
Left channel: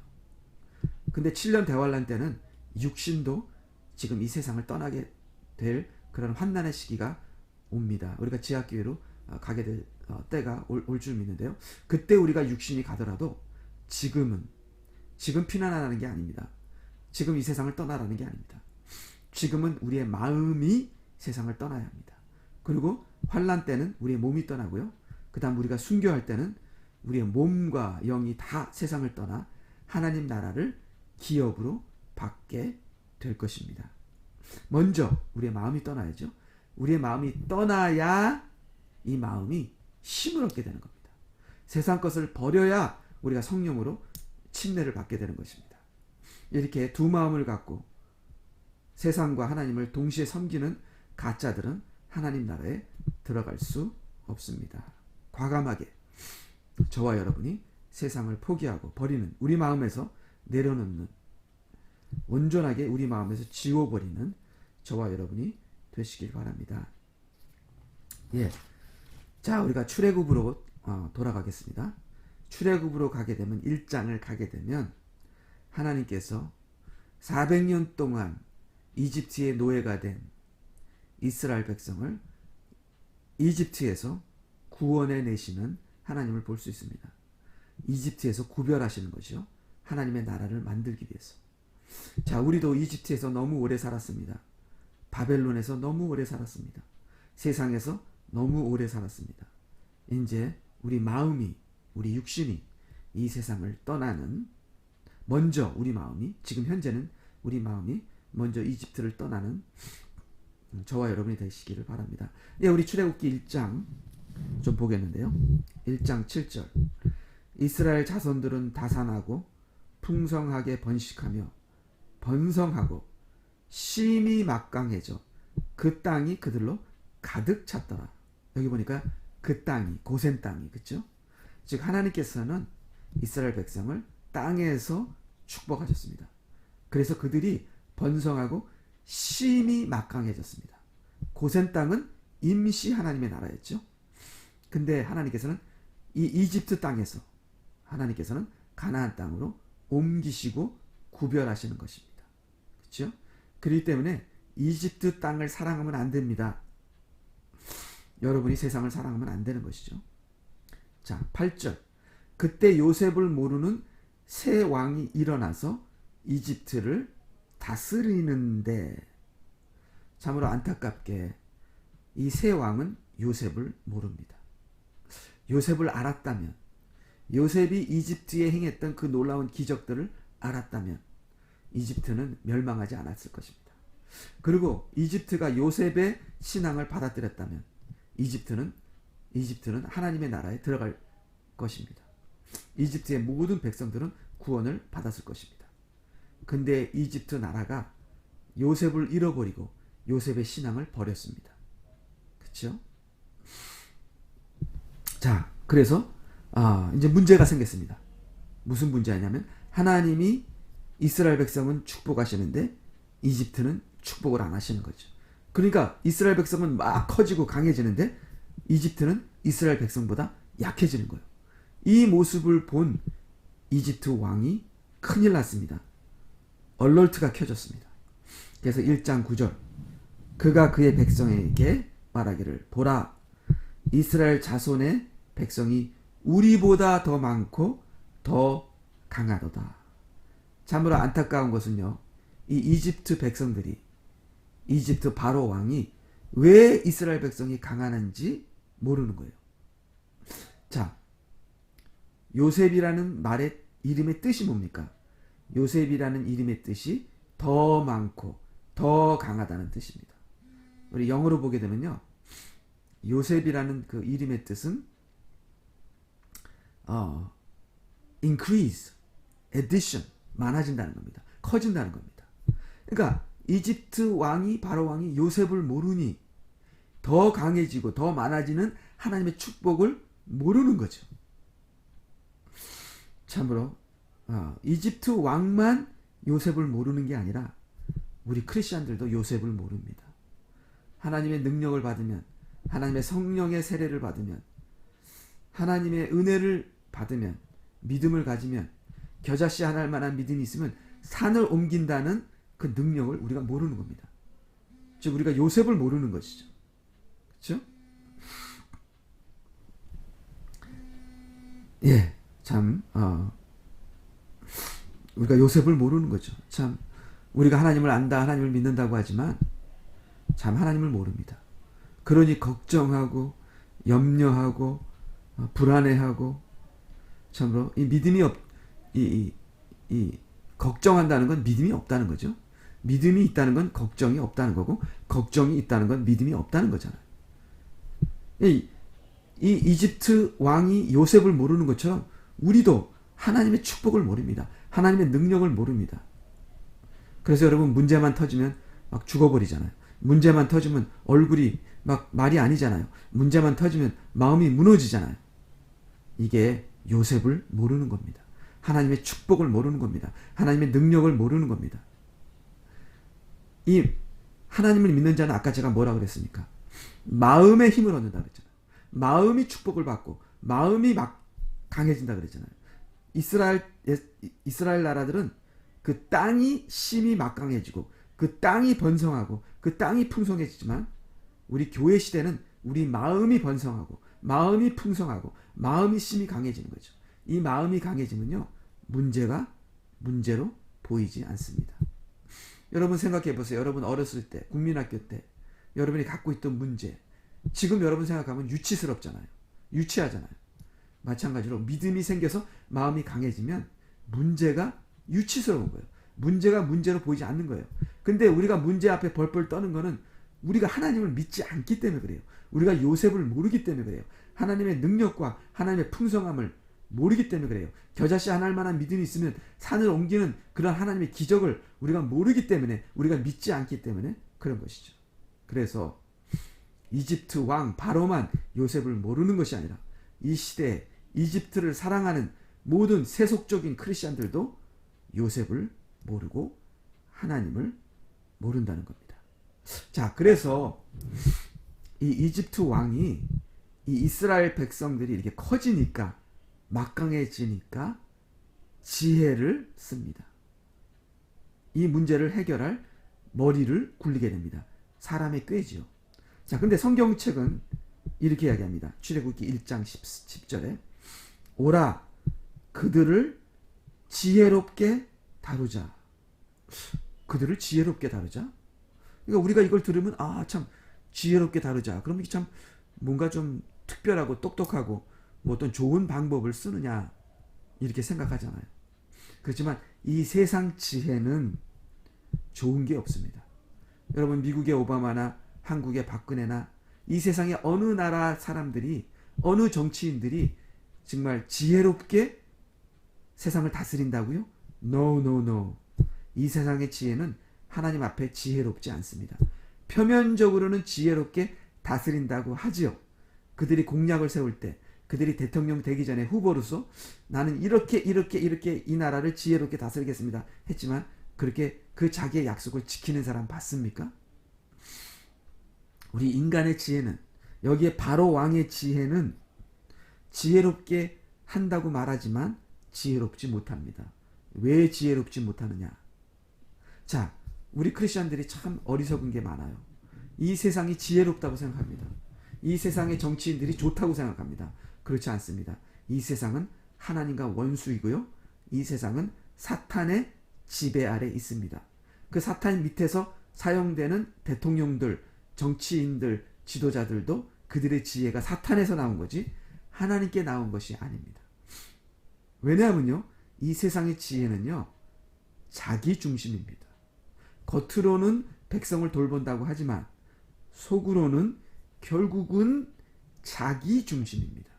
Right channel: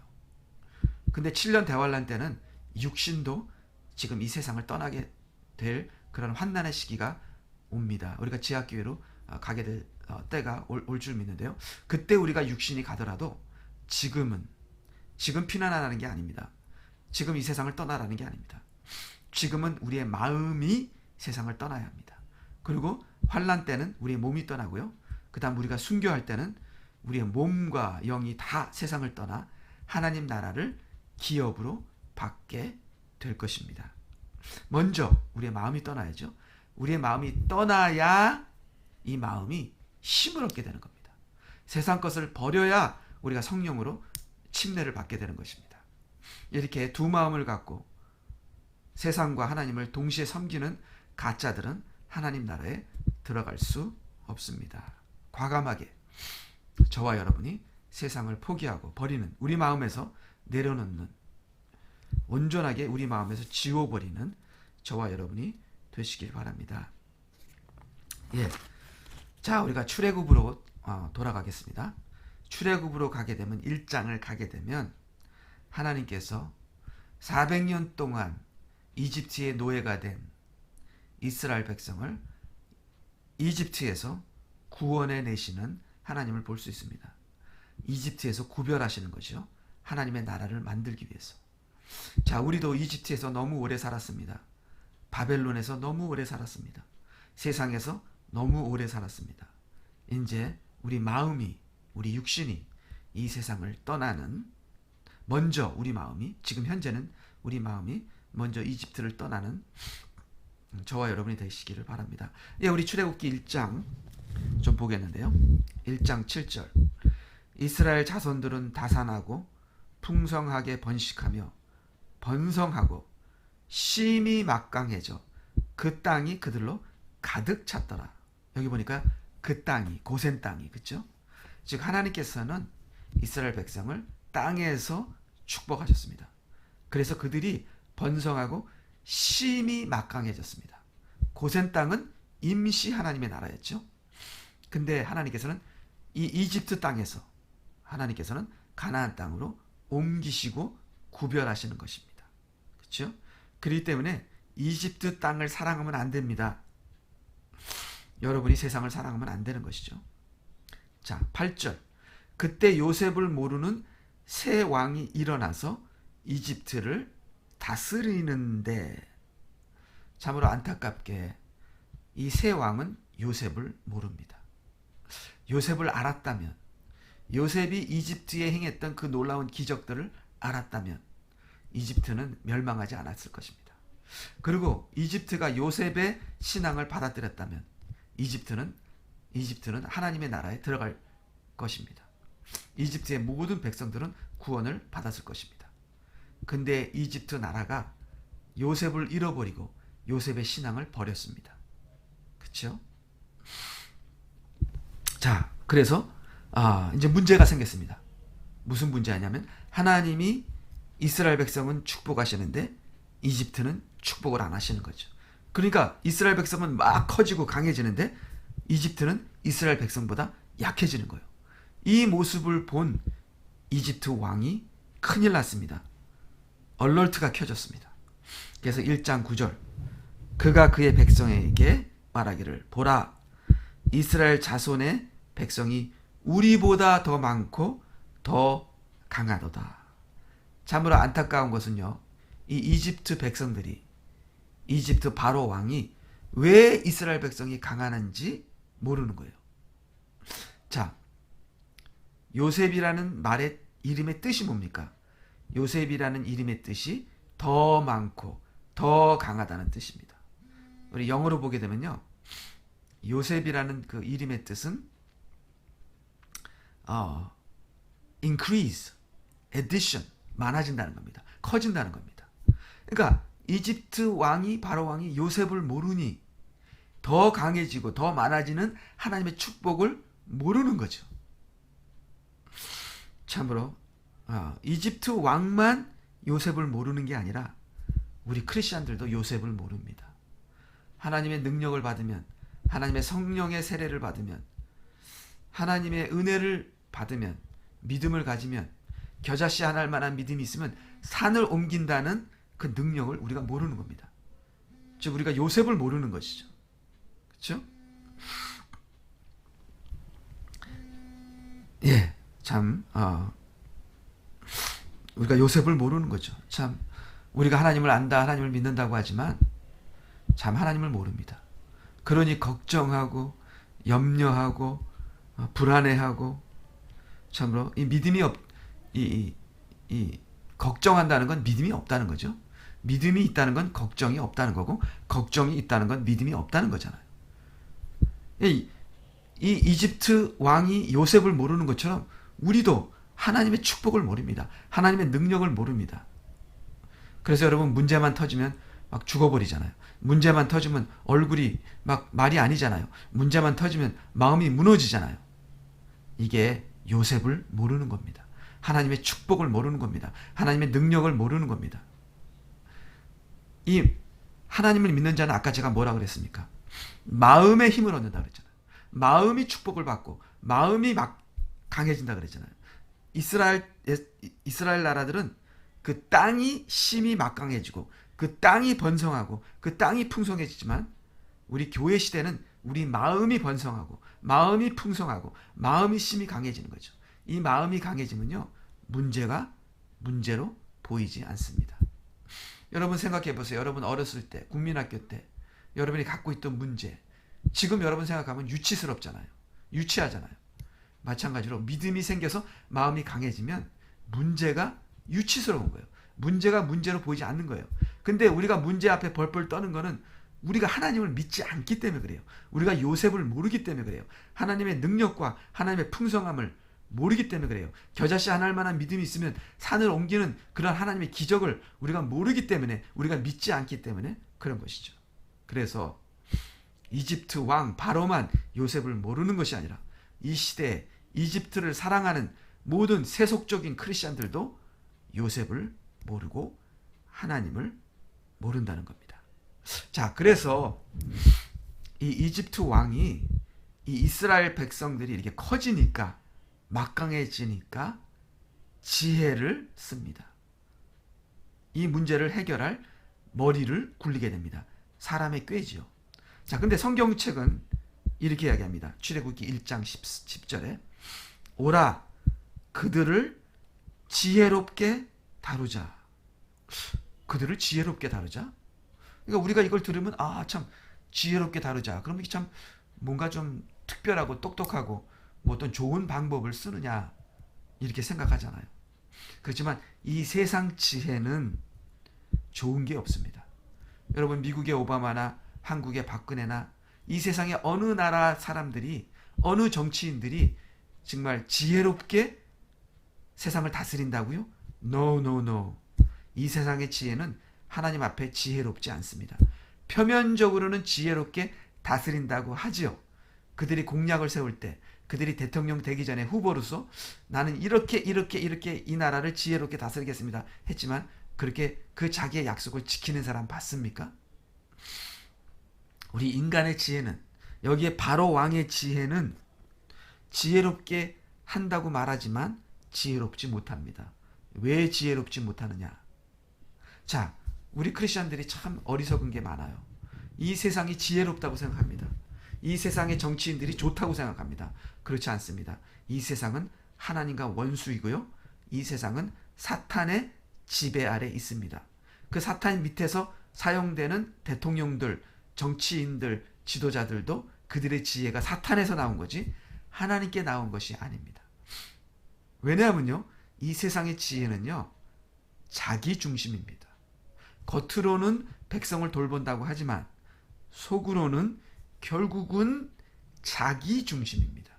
근데 7년 대환란 때는 육신도 지금 이 세상을 떠나게 될 그런 환난의 시기가 옵니다. 우리가 지하교회로 가게 될 때가 올 줄 믿는데요. 그때 우리가 육신이 가더라도 지금 피난하라는 게 아닙니다. 지금 이 세상을 떠나라는 게 아닙니다. 지금은 우리의 마음이 세상을 떠나야 합니다. 그리고 환난 때는 우리의 몸이 떠나고요. 그 다음 우리가 순교할 때는 우리의 몸과 영이 다 세상을 떠나 하나님 나라를 기업으로 받게 될 것입니다. 먼저 우리의 마음이 떠나야죠. 우리의 마음이 떠나야 이 마음이 힘을 얻게 되는 겁니다. 세상 것을 버려야 우리가 성령으로 침례를 받게 되는 것입니다. 이렇게 두 마음을 갖고 세상과 하나님을 동시에 섬기는 가짜들은 하나님 나라에 들어갈 수 없습니다. 과감하게 저와 여러분이 세상을 포기하고 버리는, 우리 마음에서 내려놓는, 온전하게 우리 마음에서 지워버리는 저와 여러분이 되시길 바랍니다. 예. 자, 우리가 출애굽으로 돌아가겠습니다. 출애굽으로 가게 되면 1장을 가게 되면 하나님께서 400년 동안 이집트의 노예가 된 이스라엘 백성을 이집트에서 구원해 내시는 하나님을 볼 수 있습니다. 이집트에서 구별하시는 것이요. 하나님의 나라를 만들기 위해서. 자, 우리도 이집트에서 너무 오래 살았습니다. 바벨론에서 너무 오래 살았습니다. 세상에서 너무 오래 살았습니다. 이제 우리 마음이, 우리 육신이 이 세상을 떠나는, 먼저 우리 마음이, 지금 현재는 우리 마음이 먼저 이집트를 떠나는 저와 여러분이 되시기를 바랍니다. 예, 우리 출애굽기 1장 좀 보겠는데요. 1장 7절. 이스라엘 자손들은 다산하고 풍성하게 번식하며 번성하고 심히 막강해져 그 땅이 그들로 가득 찼더라. 여기 보니까 그 땅이, 고센 땅이, 그렇죠? 즉 하나님께서는 이스라엘 백성을 땅에서 축복하셨습니다. 그래서 그들이 번성하고 심히 막강해졌습니다. 고센 땅은 임시 하나님의 나라였죠. 근데 하나님께서는 이 이집트 땅에서 하나님께서는 가나안 땅으로 옮기시고 구별하시는 것입니다. 그렇죠? 그렇기 때문에 이집트 땅을 사랑하면 안 됩니다. 여러분이 세상을 사랑하면 안 되는 것이죠. 자, 8절. 그때 요셉을 모르는 새 왕이 일어나서 이집트를 다스리는데, 참으로 안타깝게 이 새 왕은 요셉을 모릅니다. 요셉을 알았다면, 요셉이 이집트에 행했던 그 놀라운 기적들을 알았다면 이집트는 멸망하지 않았을 것입니다. 그리고 이집트가 요셉의 신앙을 받아들였다면 이집트는 하나님의 나라에 들어갈 것입니다. 이집트의 모든 백성들은 구원을 받았을 것입니다. 근데 이집트 나라가 요셉을 잃어버리고 요셉의 신앙을 버렸습니다. 그렇죠? 자, 그래서 이제 문제가 생겼습니다. 무슨 문제냐면 하나님이 이스라엘 백성은 축복하시는데 이집트는 축복을 안 하시는 거죠. 그러니까 이스라엘 백성은 막 커지고 강해지는데 이집트는 이스라엘 백성보다 약해지는 거예요. 이 모습을 본 이집트 왕이 큰일 났습니다. 얼럴트가 켜졌습니다. 그래서 1장 9절 그가 그의 백성에게 말하기를 보라 이스라엘 자손의 백성이 우리보다 더 많고 더 강하도다. 참으로 안타까운 것은요. 이 이집트 백성들이 이집트 바로 왕이 왜 이스라엘 백성이 강하는지 모르는 거예요. 자, 요셉이라는 말의 이름의 뜻이 뭡니까? 요셉이라는 이름의 뜻이 더 많고 더 강하다는 뜻입니다. 우리 영어로 보게 되면요. 요셉이라는 그 이름의 뜻은 increase, addition, 많아진다는 겁니다. 커진다는 겁니다. 그러니까 이집트 왕이 바로 왕이 요셉을 모르니 더 강해지고 더 많아지는 하나님의 축복을 모르는 거죠. 참으로 이집트 왕만 요셉을 모르는 게 아니라 우리 크리스천들도 요셉을 모릅니다. 하나님의 능력을 받으면 하나님의 성령의 세례를 받으면 하나님의 은혜를 받으면 믿음을 가지면 겨자씨 하나 할 만한 믿음이 있으면 산을 옮긴다는 그 능력을 우리가 모르는 겁니다. 즉 우리가 요셉을 모르는 것이죠. 그렇죠? 예, 참 우리가 요셉을 모르는 거죠. 참 우리가 하나님을 안다, 하나님을 믿는다고 하지만 참 하나님을 모릅니다. 그러니 걱정하고 염려하고 불안해하고 참으로 이 믿음이 걱정한다는 건 믿음이 없다는 거죠. 믿음이 있다는 건 걱정이 없다는 거고 걱정이 있다는 건 믿음이 없다는 거잖아요. 이 이집트 왕이 요셉을 모르는 것처럼 우리도 하나님의 축복을 모릅니다. 하나님의 능력을 모릅니다. 그래서 여러분 문제만 터지면 막 죽어버리잖아요. 문제만 터지면 얼굴이 막 말이 아니잖아요. 문제만 터지면 마음이 무너지잖아요. 이게 요셉을 모르는 겁니다. 하나님의 축복을 모르는 겁니다. 하나님의 능력을 모르는 겁니다. 이 하나님을 믿는 자는 아까 제가 뭐라 그랬습니까? 마음의 힘을 얻는다 그랬잖아요. 마음이 축복을 받고 마음이 막 강해진다 그랬잖아요. 이스라엘 나라들은 그 땅이 심이 막강해지고 그 땅이 번성하고 그 땅이 풍성해지지만 우리 교회 시대는 우리 마음이 번성하고 마음이 풍성하고 마음이 심이 강해지는 거죠. 이 마음이 강해지면요. 문제가 문제로 보이지 않습니다. 여러분 생각해 보세요. 여러분 어렸을 때 국민학교 때 여러분이 갖고 있던 문제 지금 여러분 생각하면 유치스럽잖아요. 유치하잖아요. 마찬가지로 믿음이 생겨서 마음이 강해지면 문제가 유치스러운 거예요. 문제가 문제로 보이지 않는 거예요. 근데 우리가 문제 앞에 벌벌 떠는 거는 우리가 하나님을 믿지 않기 때문에 그래요. 우리가 요셉을 모르기 때문에 그래요. 하나님의 능력과 하나님의 풍성함을 모르기 때문에 그래요. 겨자씨 하나 할 만한 믿음이 있으면 산을 옮기는 그런 하나님의 기적을 우리가 모르기 때문에 우리가 믿지 않기 때문에 그런 것이죠. 그래서 이집트 왕 바로만 요셉을 모르는 것이 아니라 이 시대에 이집트를 사랑하는 모든 세속적인 크리스천들도 요셉을 모르고 하나님을 모른다는 겁니다. 자, 그래서 이 이집트 왕이 이 이스라엘 백성들이 이렇게 커지니까 막강해지니까 지혜를 씁니다. 이 문제를 해결할 머리를 굴리게 됩니다. 사람의 꾀지요. 자, 근데 성경책은 이렇게 이야기합니다. 출애굽기 1장 10절에 오라 그들을 지혜롭게 다루자. 그들을 지혜롭게 다루자. 그러니까 우리가 이걸 들으면 참 지혜롭게 다루자. 그럼 이게 참 뭔가 좀 특별하고 똑똑하고 뭐 어떤 좋은 방법을 쓰느냐 이렇게 생각하잖아요. 그렇지만 이 세상 지혜는 좋은 게 없습니다. 여러분 미국의 오바마나 한국의 박근혜나 이 세상의 어느 나라 사람들이 어느 정치인들이 정말 지혜롭게 세상을 다스린다고요? No, no, no. 이 세상의 지혜는 하나님 앞에 지혜롭지 않습니다. 표면적으로는 지혜롭게 다스린다고 하지요. 그들이 공약을 세울 때, 그들이 대통령 되기 전에 후보로서 나는 이렇게 이 나라를 지혜롭게 다스리겠습니다 했지만 그렇게 그 자기의 약속을 지키는 사람 봤습니까? 우리 인간의 지혜는, 여기에 바로 왕의 지혜는 지혜롭게 한다고 말하지만 지혜롭지 못합니다. 왜 지혜롭지 못하느냐? 자, 우리 크리스천들이 참 어리석은 게 많아요. 이 세상이 지혜롭다고 생각합니다. 이 세상의 정치인들이 좋다고 생각합니다. 그렇지 않습니다. 이 세상은 하나님과 원수이고요. 이 세상은 사탄의 지배 아래 있습니다. 그 사탄 밑에서 사용되는 대통령들, 정치인들, 지도자들도 그들의 지혜가 사탄에서 나온 거지 하나님께 나온 것이 아닙니다. 왜냐하면요, 이 세상의 지혜는요, 자기 중심입니다. 겉으로는 백성을 돌본다고 하지만 속으로는 결국은 자기 중심입니다.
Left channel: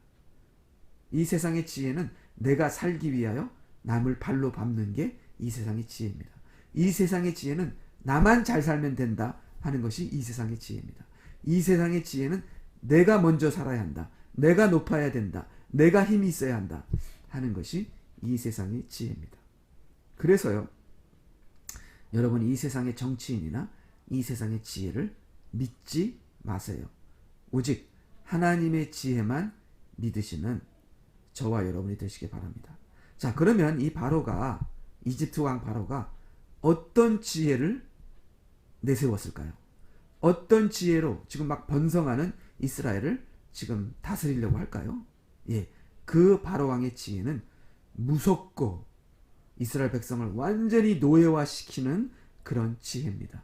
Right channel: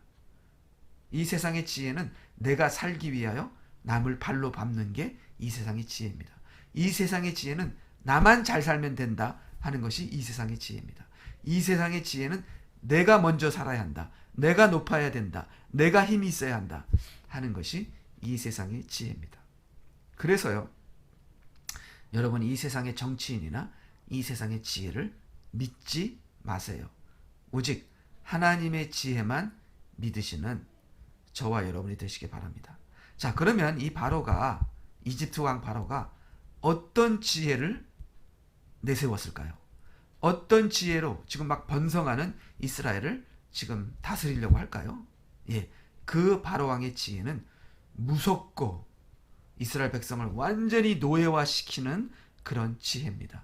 이 세상의 지혜는 내가 살기 위하여 남을 발로 밟는 게 이 세상의 지혜입니다. 이 세상의 지혜는 나만 잘 살면 된다 하는 것이 이 세상의 지혜입니다. 이 세상의 지혜는 내가 먼저 살아야 한다, 내가 높아야 된다, 내가 힘이 있어야 한다 하는 것이 이 세상의 지혜입니다. 그래서요, 여러분 이 세상의 정치인이나 이 세상의 지혜를 믿지 마세요. 오직 하나님의 지혜만 믿으시는 저와 여러분이 되시기 바랍니다. 자, 그러면 이 바로가, 이집트 왕 바로가 어떤 지혜를 내세웠을까요? 어떤 지혜로 지금 막 번성하는 이스라엘을 지금 다스리려고 할까요? 예, 그 바로 왕의 지혜는 무섭고 이스라엘 백성을 완전히 노예화시키는 그런 지혜입니다.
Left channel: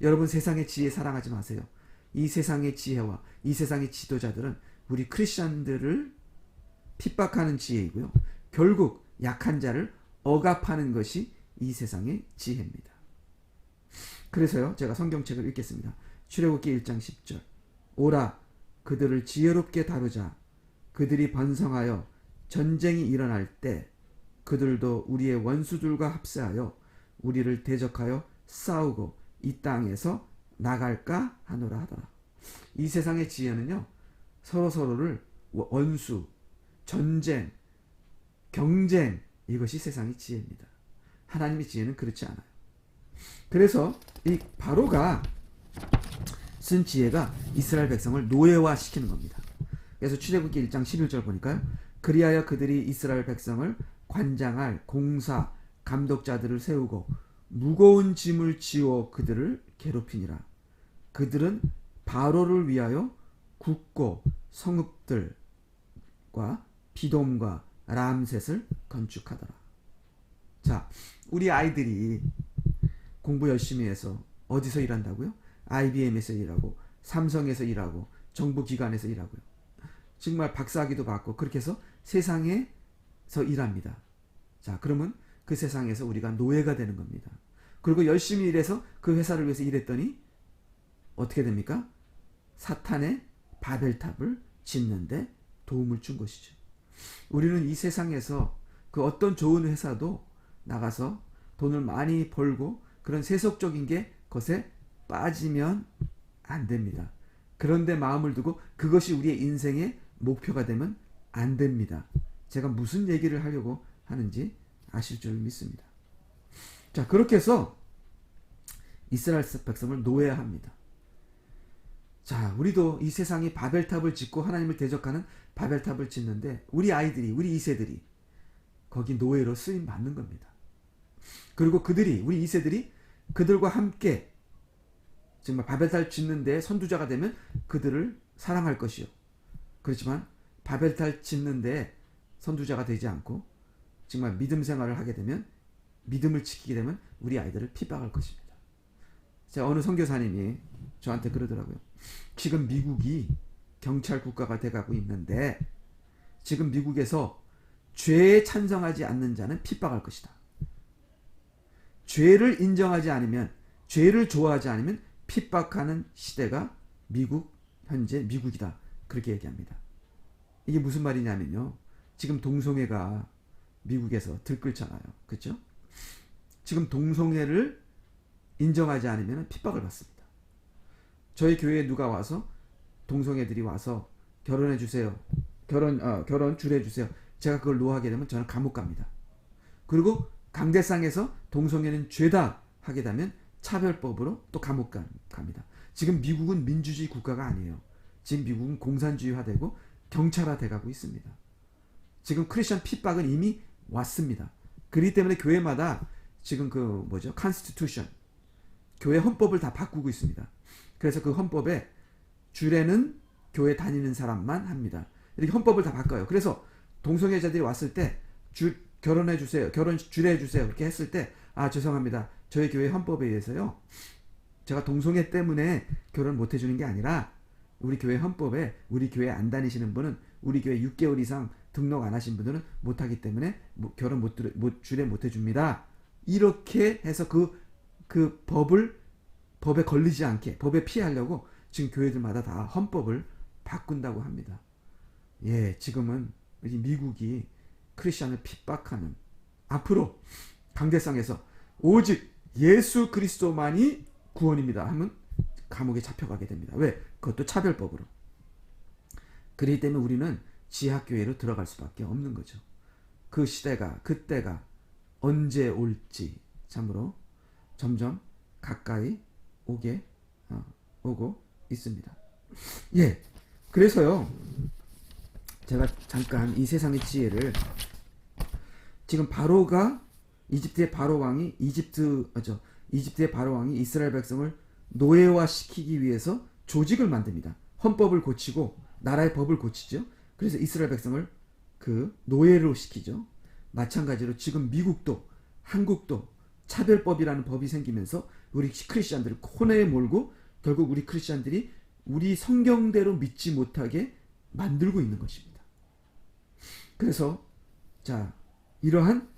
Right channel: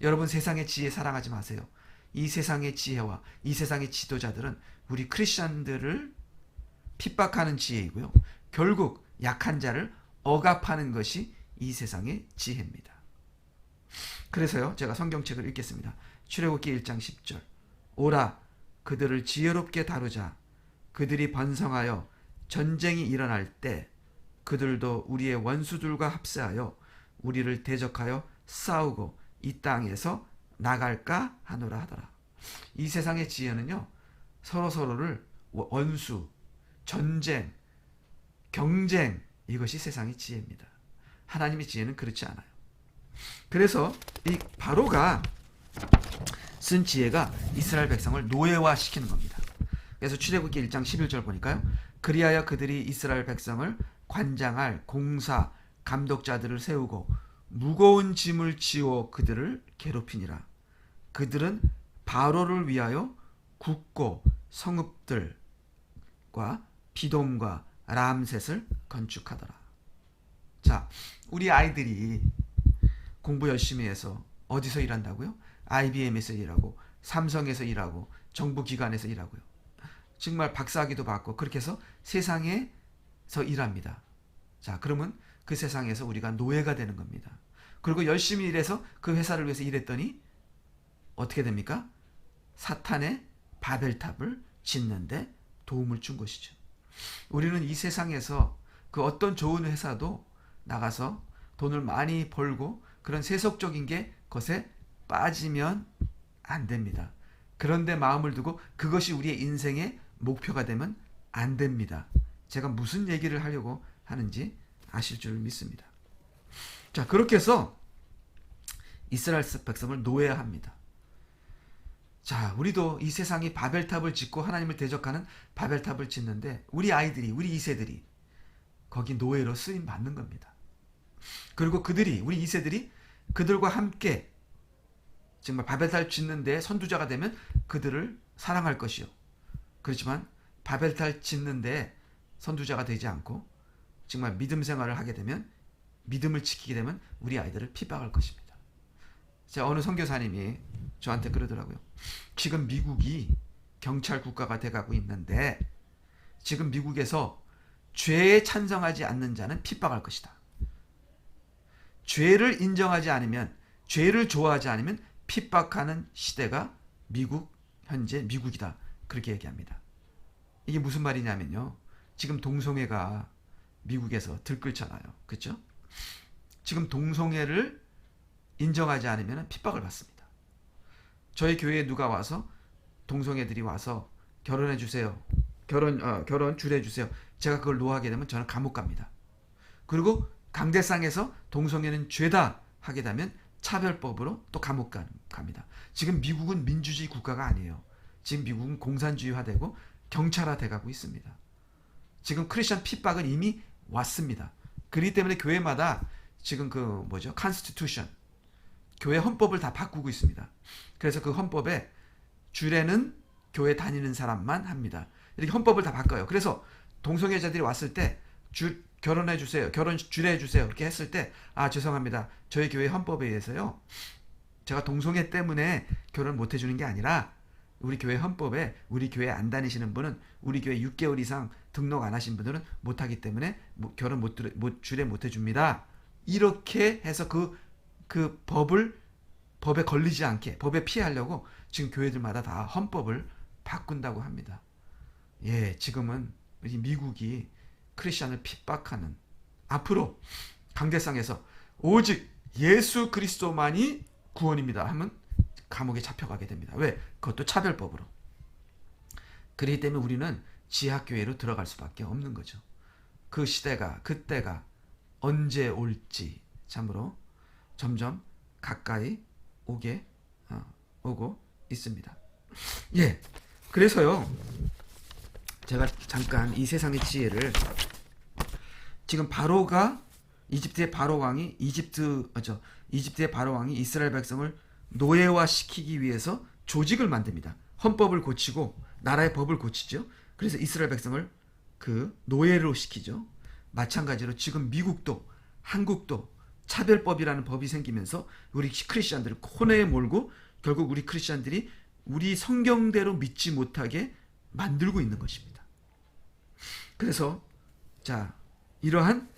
여러분 세상의 지혜 사랑하지 마세요. 이 세상의 지혜와 이 세상의 지도자들은 우리 크리스천들을 핍박하는 지혜이고요. 결국 약한 자를 억압하는 것이 이 세상의 지혜입니다. 그래서요, 제가 성경책을 읽겠습니다. 출애굽기 1장 10절. 오라, 그들을 지혜롭게 다루자. 그들이 번성하여 전쟁이 일어날 때 그들도 우리의 원수들과 합세하여 우리를 대적하여 싸우고 이 땅에서 나갈까 하노라 하더라. 이 세상의 지혜는요, 서로서로를 원수, 전쟁, 경쟁, 이것이 세상의 지혜입니다. 하나님의 지혜는 그렇지 않아요. 그래서 이 바로가 쓴 지혜가 이스라엘 백성을 노예화시키는 겁니다. 그래서 출애굽기 1장 11절 보니까요, 그리하여 그들이 이스라엘 백성을 관장할 공사, 감독자들을 세우고 무거운 짐을 지워 그들을 괴롭히니라. 그들은 바로를 위하여 국고 성읍들과 비돔과 람셋을 건축하더라. 자, 우리 아이들이 공부 열심히 해서 어디서 일한다고요? IBM에서 일하고 삼성에서 일하고 정부기관에서 일하고요. 정말 박사학위도 받고 그렇게 해서 세상에서 일합니다. 자, 그러면 그 세상에서 우리가 노예가 되는 겁니다. 그리고 열심히 일해서 그 회사를 위해서 일했더니 어떻게 됩니까? 사탄의 바벨탑을 짓는데 도움을 준 것이죠. 우리는 이 세상에서 그 어떤 좋은 회사도 나가서 돈을 많이 벌고 그런 세속적인 게 것에 빠지면 안 됩니다. 그런데 마음을 두고 그것이 우리의 인생의 목표가 되면 안 됩니다. 제가 무슨 얘기를 하려고 하는지 아실 줄 믿습니다. 자, 그렇게 해서 이스라엘 백성을 노예합니다. 자, 우리도 이 세상이 바벨탑을 짓고 하나님을 대적하는 바벨탑을 짓는데 우리 아이들이, 우리 2세들이 거기 노예로 쓰임 받는 겁니다. 그리고 그들이, 우리 2세들이 그들과 함께 정말 바벨탑 짓는데 선두자가 되면 그들을 사랑할 것이요. 그렇지만 바벨탑 짓는데 선두자가 되지 않고 정말 믿음 생활을 하게 되면, 믿음을 지키게 되면 우리 아이들을 핍박할 것입니다. 제가 어느 선교사님이 저한테 그러더라고요. 지금 미국이 경찰 국가가 돼가고 있는데 지금 미국에서 죄에 찬성하지 않는 자는 핍박할 것이다. 죄를 인정하지 않으면, 죄를 좋아하지 않으면 핍박하는 시대가 미국, 현재 미국이다. 그렇게 얘기합니다. 이게 무슨 말이냐면요, 지금 동성애가 미국에서 들끓잖아요. 그렇죠? 지금 동성애를 인정하지 않으면 핍박을 받습니다. 저희 교회에 누가 와서 동성애들이 와서 결혼해 주세요, 결혼 주례해 주세요. 제가 그걸 노하게 되면 저는 감옥 갑니다. 그리고 강대상에서 동성애는 죄다 하게 되면 차별법으로 또 감옥 갑니다. 지금 미국은 민주주의 국가가 아니에요. 지금 미국은 공산주의화되고 경찰화돼가고 있습니다. 지금 크리스천 핍박은 이미 왔습니다. 그렇기 때문에 교회마다 지금 컨스티튜션, 교회 헌법을 다 바꾸고 있습니다. 그래서 그 헌법에 주례는 교회 다니는 사람만 합니다. 이렇게 헌법을 다 바꿔요. 그래서 동성애자들이 왔을 때 결혼해 주세요. 결혼 주례해 주세요. 이렇게 했을 때 죄송합니다. 저희 교회 헌법에 의해서요. 제가 동성애 때문에 결혼 못 해주는 게 아니라 우리 교회 헌법에 우리 교회 안 다니시는 분은 우리 교회 6개월 이상 등록 안 하신 분들은 못 하기 때문에 결혼 주례 못 해줍니다. 이렇게 해서 그 법에 걸리지 않게 법에 피하려고 지금 교회들마다 다 헌법을 바꾼다고 합니다. 예, 지금은 미국이 크리스천을 핍박하는, 앞으로 강대상에서 오직 예수 그리스도만이 구원입니다 하면 감옥에 잡혀가게 됩니다. 왜? 그것도 차별법으로. 그렇기 때문에 우리는 지하교회로 들어갈 수밖에 없는 거죠. 그 시대가, 그때가 언제 올지 참으로 점점 가까이 오고 있습니다. 예, 그래서요, 제가 잠깐 이 세상의 지혜를, 지금 바로가 이집트의 바로 왕이 이집트의 바로 왕이 이스라엘 백성을 노예화시키기 위해서 조직을 만듭니다. 헌법을 고치고 나라의 법을 고치죠. 그래서 이스라엘 백성을 노예로 시키죠. 마찬가지로 지금 미국도 한국도 차별법이라는 법이 생기면서 우리 크리스천들을 코너에 몰고 결국 우리 크리스천들이 우리 성경대로 믿지 못하게 만들고 있는 것입니다. 그래서 이러한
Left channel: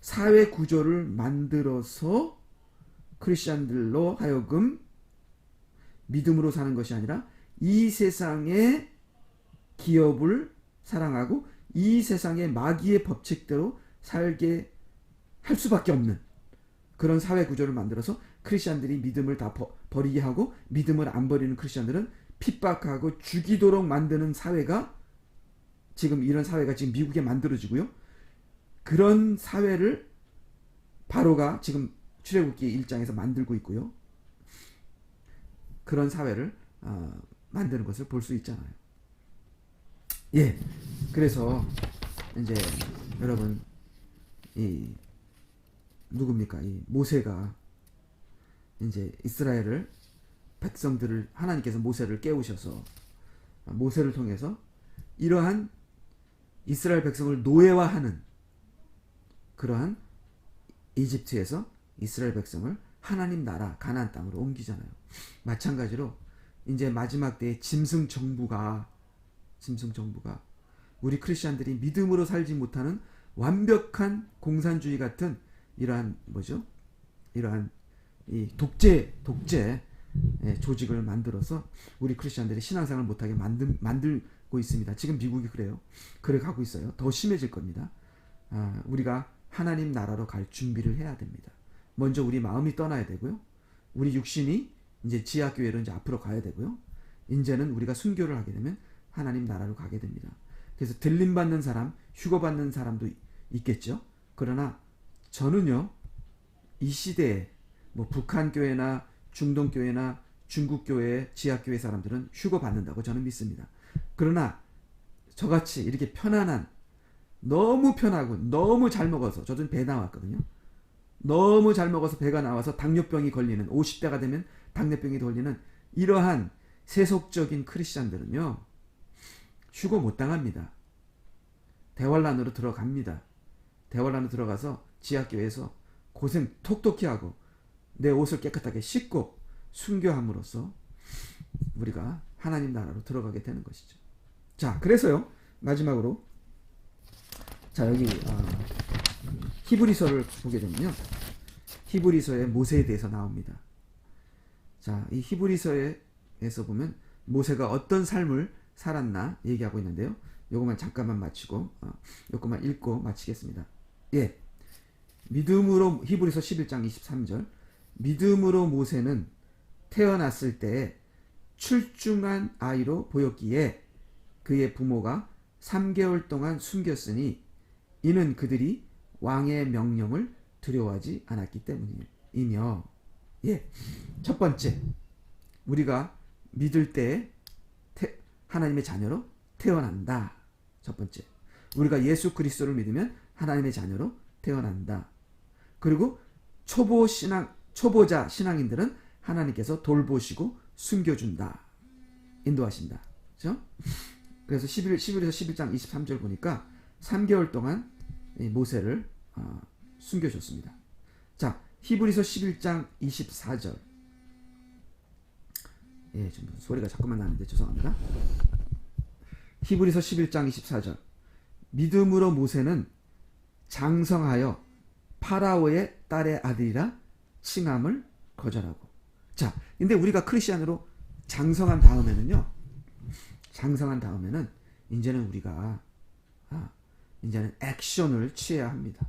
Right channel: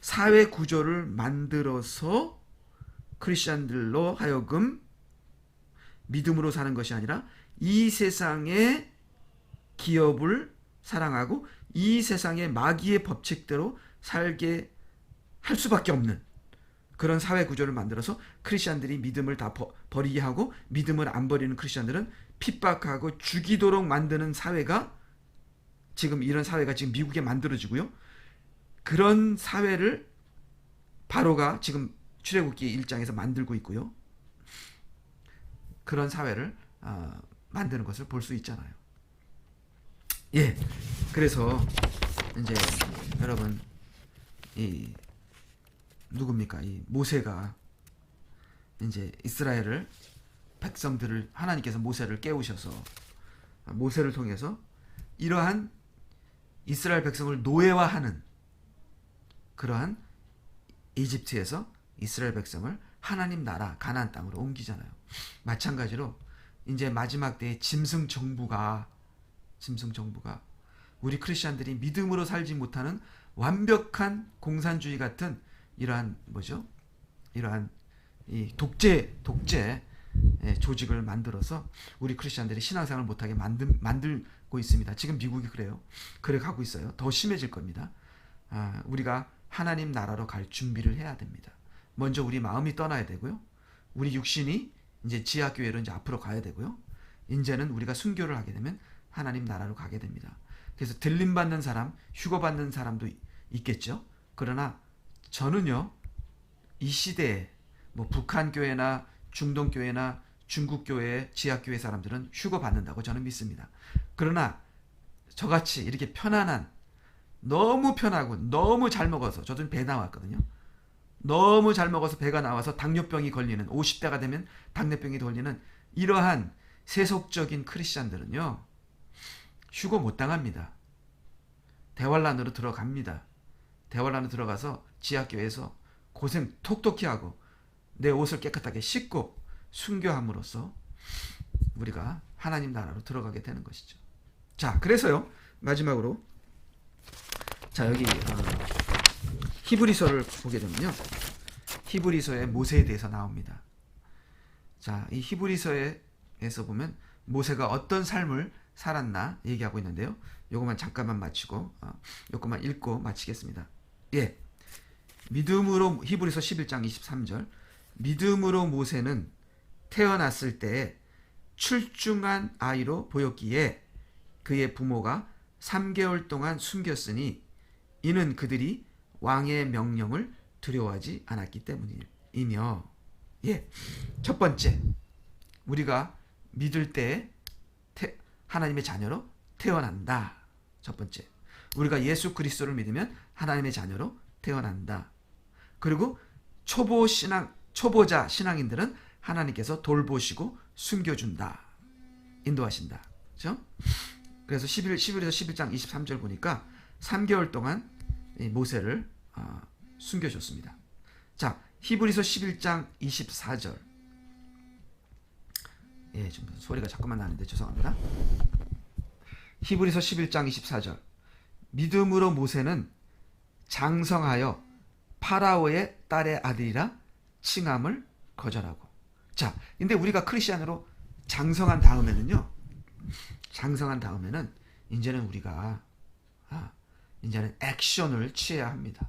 사회 구조를 만들어서 크리스천들로 하여금 믿음으로 사는 것이 아니라 이 세상의 기업을 사랑하고 이 세상의 마귀의 법칙대로 살게 할 수밖에 없는 그런 사회 구조를 만들어서 크리스천들이 믿음을 다 버리게 하고 믿음을 안 버리는 크리스천들은 핍박하고 죽이도록 만드는 사회가 이런 사회가 지금 미국에 만들어지고요. 그런 사회를 바로가 지금 출애굽기 1장에서 만들고 있고요. 그런 사회를 만드는 것을 볼 수 있잖아요. 예, 그래서 이제 여러분 누굽니까? 이 모세가 이제 이스라엘을 백성들을 하나님께서 모세를 깨우셔서 모세를 통해서 이러한 이스라엘 백성을 노예화하는 그러한 이집트에서 이스라엘 백성을 하나님 나라 가나안 땅으로 옮기잖아요. 마찬가지로 이제 마지막 때에 짐승 정부가 우리 크리스천들이 믿음으로 살지 못하는 완벽한 공산주의 같은 이러한 이 독재 조직을 만들어서 우리 크리스천들이 신앙생활을 못하게 만들고 있습니다. 지금 미국이 그래 가고 있어요. 더 심해질 겁니다. 우리가 하나님 나라로 갈 준비를 해야 됩니다. 먼저 우리 마음이 떠나야 되고요. 우리 육신이 이제 지하교회로 이제 앞으로 가야 되고요. 이제는 우리가 순교를 하게 되면 하나님 나라로 가게 됩니다. 그래서 들림받는 사람, 휴거받는 사람도 있겠죠. 그러나 저는요, 이 시대에 북한 교회나 중동 교회나 중국 교회, 지하교회 사람들은 휴거받는다고 저는 믿습니다. 그러나 저같이 이렇게 편안한, 너무 편하고 너무 잘 먹어서, 저도 배 나왔거든요. 너무 잘 먹어서 배가 나와서 당뇨병이 걸리는, 50대가 되면 당뇨병이 걸리는 이러한 세속적인 크리스찬들은요, 휴거 못 당합니다. 대환란으로 들어갑니다. 대환란으로 들어가서 지하교회에서 고생 톡톡히 하고 내 옷을 깨끗하게 씻고 순교함으로써 우리가 하나님 나라로 들어가게 되는 것이죠. 자, 그래서요, 마지막으로 여기 히브리서를 보게 되면요, 히브리서에 모세에 대해서 나옵니다. 자, 이 히브리서에서 보면 모세가 어떤 삶을 살았나 얘기하고 있는데요. 요것만 잠깐만 마치고 요것만 읽고 마치겠습니다. 예, 믿음으로, 히브리서 11장 23절, 믿음으로 모세는 태어났을 때에 출중한 아이로 보였기에 그의 부모가 3개월 동안 숨겼으니 이는 그들이 왕의 명령을 두려워하지 않았기 때문이며. 예, 첫 번째, 우리가 믿을 때 하나님의 자녀로 태어난다. 첫 번째, 우리가 예수 그리스도를 믿으면 하나님의 자녀로 태어난다. 그리고 초보자 신앙인들은 하나님께서 돌보시고 숨겨준다, 인도하신다. 그렇죠? 그래서 11에서 11장 23절 보니까 3개월 동안 모세를 숨겨줬습니다. 자, 히브리서 11장 24절. 예, 좀 소리가 자꾸만 나는데 죄송합니다. 히브리서 11장 24절. 믿음으로 모세는 장성하여 파라오의 딸의 아들이라 칭함을 거절하고. 자, 근데 우리가 크리스천으로 장성한 다음에는 이제는 우리가 이제는 액션을 취해야 합니다.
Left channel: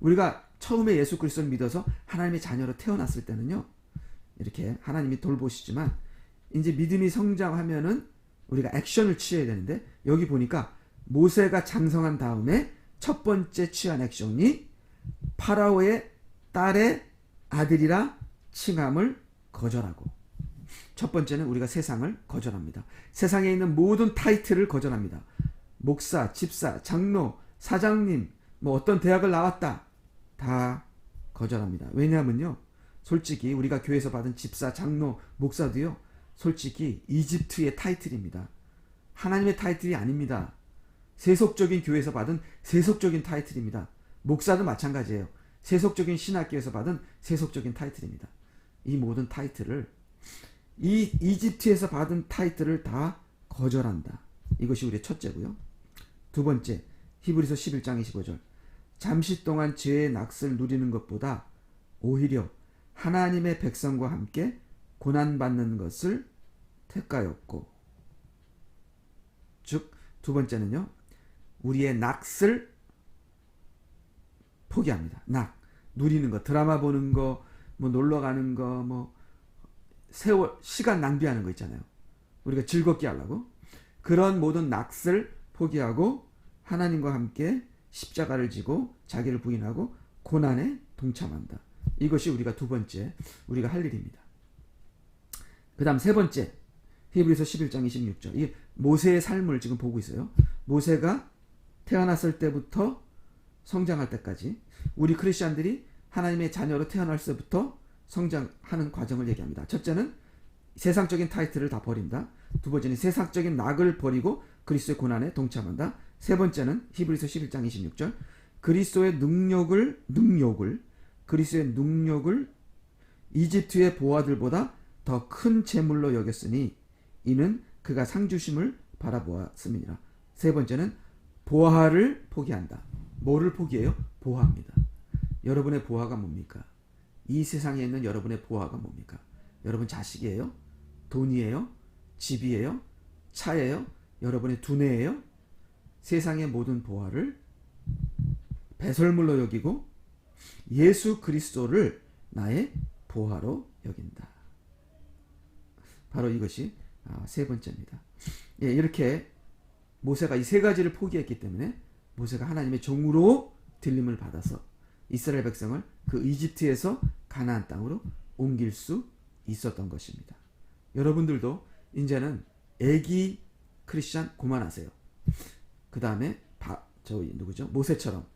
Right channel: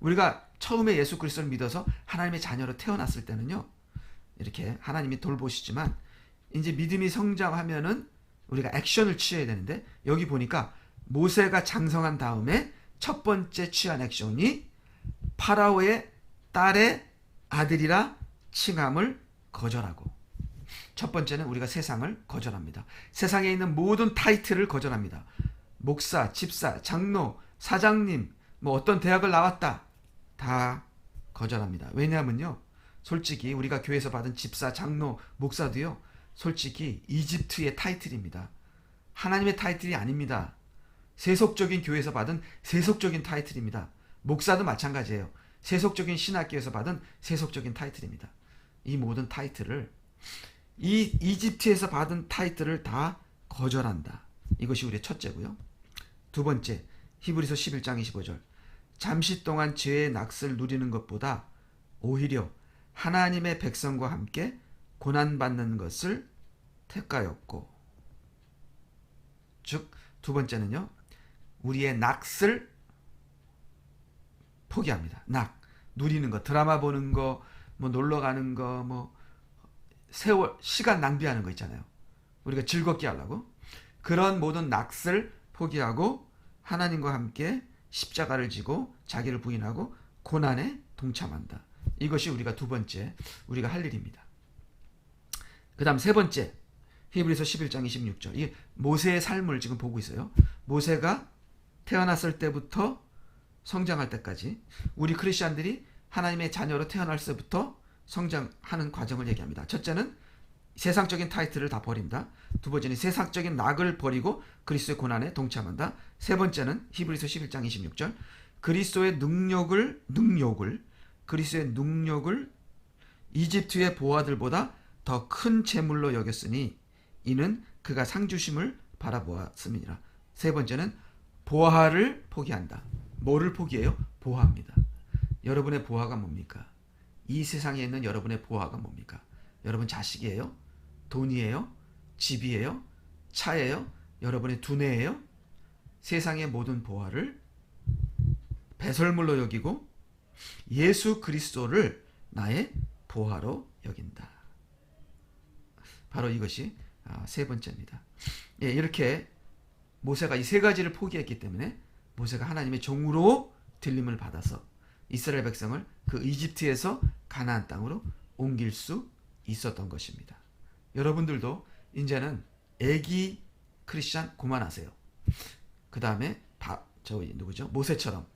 우리가 처음에 예수 그리스도를 믿어서 하나님의 자녀로 태어났을 때는요, 이렇게 하나님이 돌보시지만 이제 믿음이 성장하면은 우리가 액션을 취해야 되는데, 여기 보니까 모세가 장성한 다음에 첫 번째 취한 액션이 파라오의 딸의 아들이라 칭함을 거절하고. 첫 번째는 우리가 세상을 거절합니다. 세상에 있는 모든 타이틀을 거절합니다. 목사, 집사, 장로, 사장님, 어떤 대학을 나왔다, 다 거절합니다. 왜냐하면요, 솔직히 우리가 교회에서 받은 집사, 장로, 목사도요, 솔직히 이집트의 타이틀입니다. 하나님의 타이틀이 아닙니다. 세속적인 교회에서 받은 세속적인 타이틀입니다. 목사도 마찬가지예요. 세속적인 신학교에서 받은 세속적인 타이틀입니다. 이 모든 타이틀을, 이 이집트에서 받은 타이틀을 다 거절한다. 이것이 우리의 첫째고요. 두 번째, 히브리서 11장 25절. 잠시 동안 죄의 낙을 누리는 것보다 오히려 하나님의 백성과 함께 고난받는 것을 택하였고. 즉, 두 번째는요, 우리의 낙을 포기합니다. 누리는 거, 드라마 보는 거, 놀러 가는 거, 시간 낭비하는 거 있잖아요. 우리가 즐겁게 하려고. 그런 모든 낙을 포기하고 하나님과 함께 십자가를 지고 자기를 부인하고 고난에 동참한다. 이것이 우리가 두 번째, 우리가 할 일입니다. 그 다음 세 번째, 히브리서 11장 26절. 이게 모세의 삶을 지금 보고 있어요. 모세가 태어났을 때부터 성장할 때까지 우리 크리스천들이 하나님의 자녀로 태어날 때부터 성장하는 과정을 얘기합니다. 첫째는 세상적인 타이틀을 다 버린다. 두 번째는 세상적인 낙을 버리고 그리스도의 고난에 동참한다. 세 번째는 히브리서 11장 26절. 그리스도의 능력을 이집트의 보화들보다 더 큰 재물로 여겼으니 이는 그가 상 주심을 바라보았음이니라. 세 번째는 보화를 포기한다. 뭐를 포기해요? 보화입니다. 여러분의 보화가 뭡니까? 이 세상에 있는 여러분의 보화가 뭡니까? 여러분 자식이에요? 돈이에요? 집이에요? 차예요? 여러분의 두뇌예요? 세상의 모든 보화를 배설물로 여기고 예수 그리스도를 나의 보화로 여긴다. 바로 이것이 세 번째입니다. 예, 이렇게 모세가 이 세 가지를 포기했기 때문에 모세가 하나님의 종으로 들림을 받아서 이스라엘 백성을 그 이집트에서 가나안 땅으로 옮길 수 있었던 것입니다. 여러분들도 이제는 애기 크리스찬 그만하세요. 그 다음에 모세처럼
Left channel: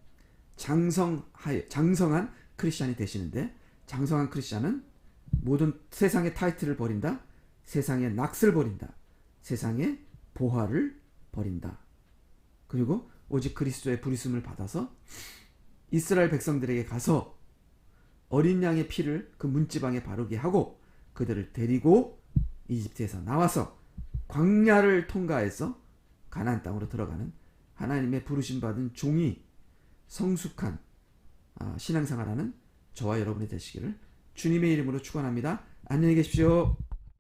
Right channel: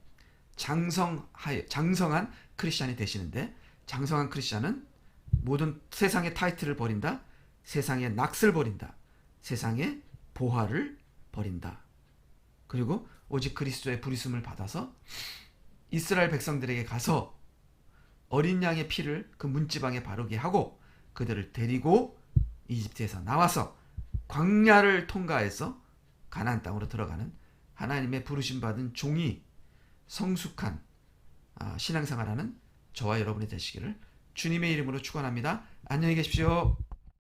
장성한 크리스찬이 되시는데, 장성한 크리스찬은 모든 세상의 타이틀을 버린다. 세상의 낙을 버린다. 세상의 보화를 버린다. 그리고 오직 그리스도의 부르심을 받아서 이스라엘 백성들에게 가서 어린 양의 피를 그 문지방에 바르게 하고 그들을 데리고 이집트에서 나와서 광야를 통과해서 가나안 땅으로 들어가는 하나님의 부르심 받은 종이 성숙한 신앙생활하는 저와 여러분이 되시기를 주님의 이름으로 축원합니다. 안녕히 계십시오.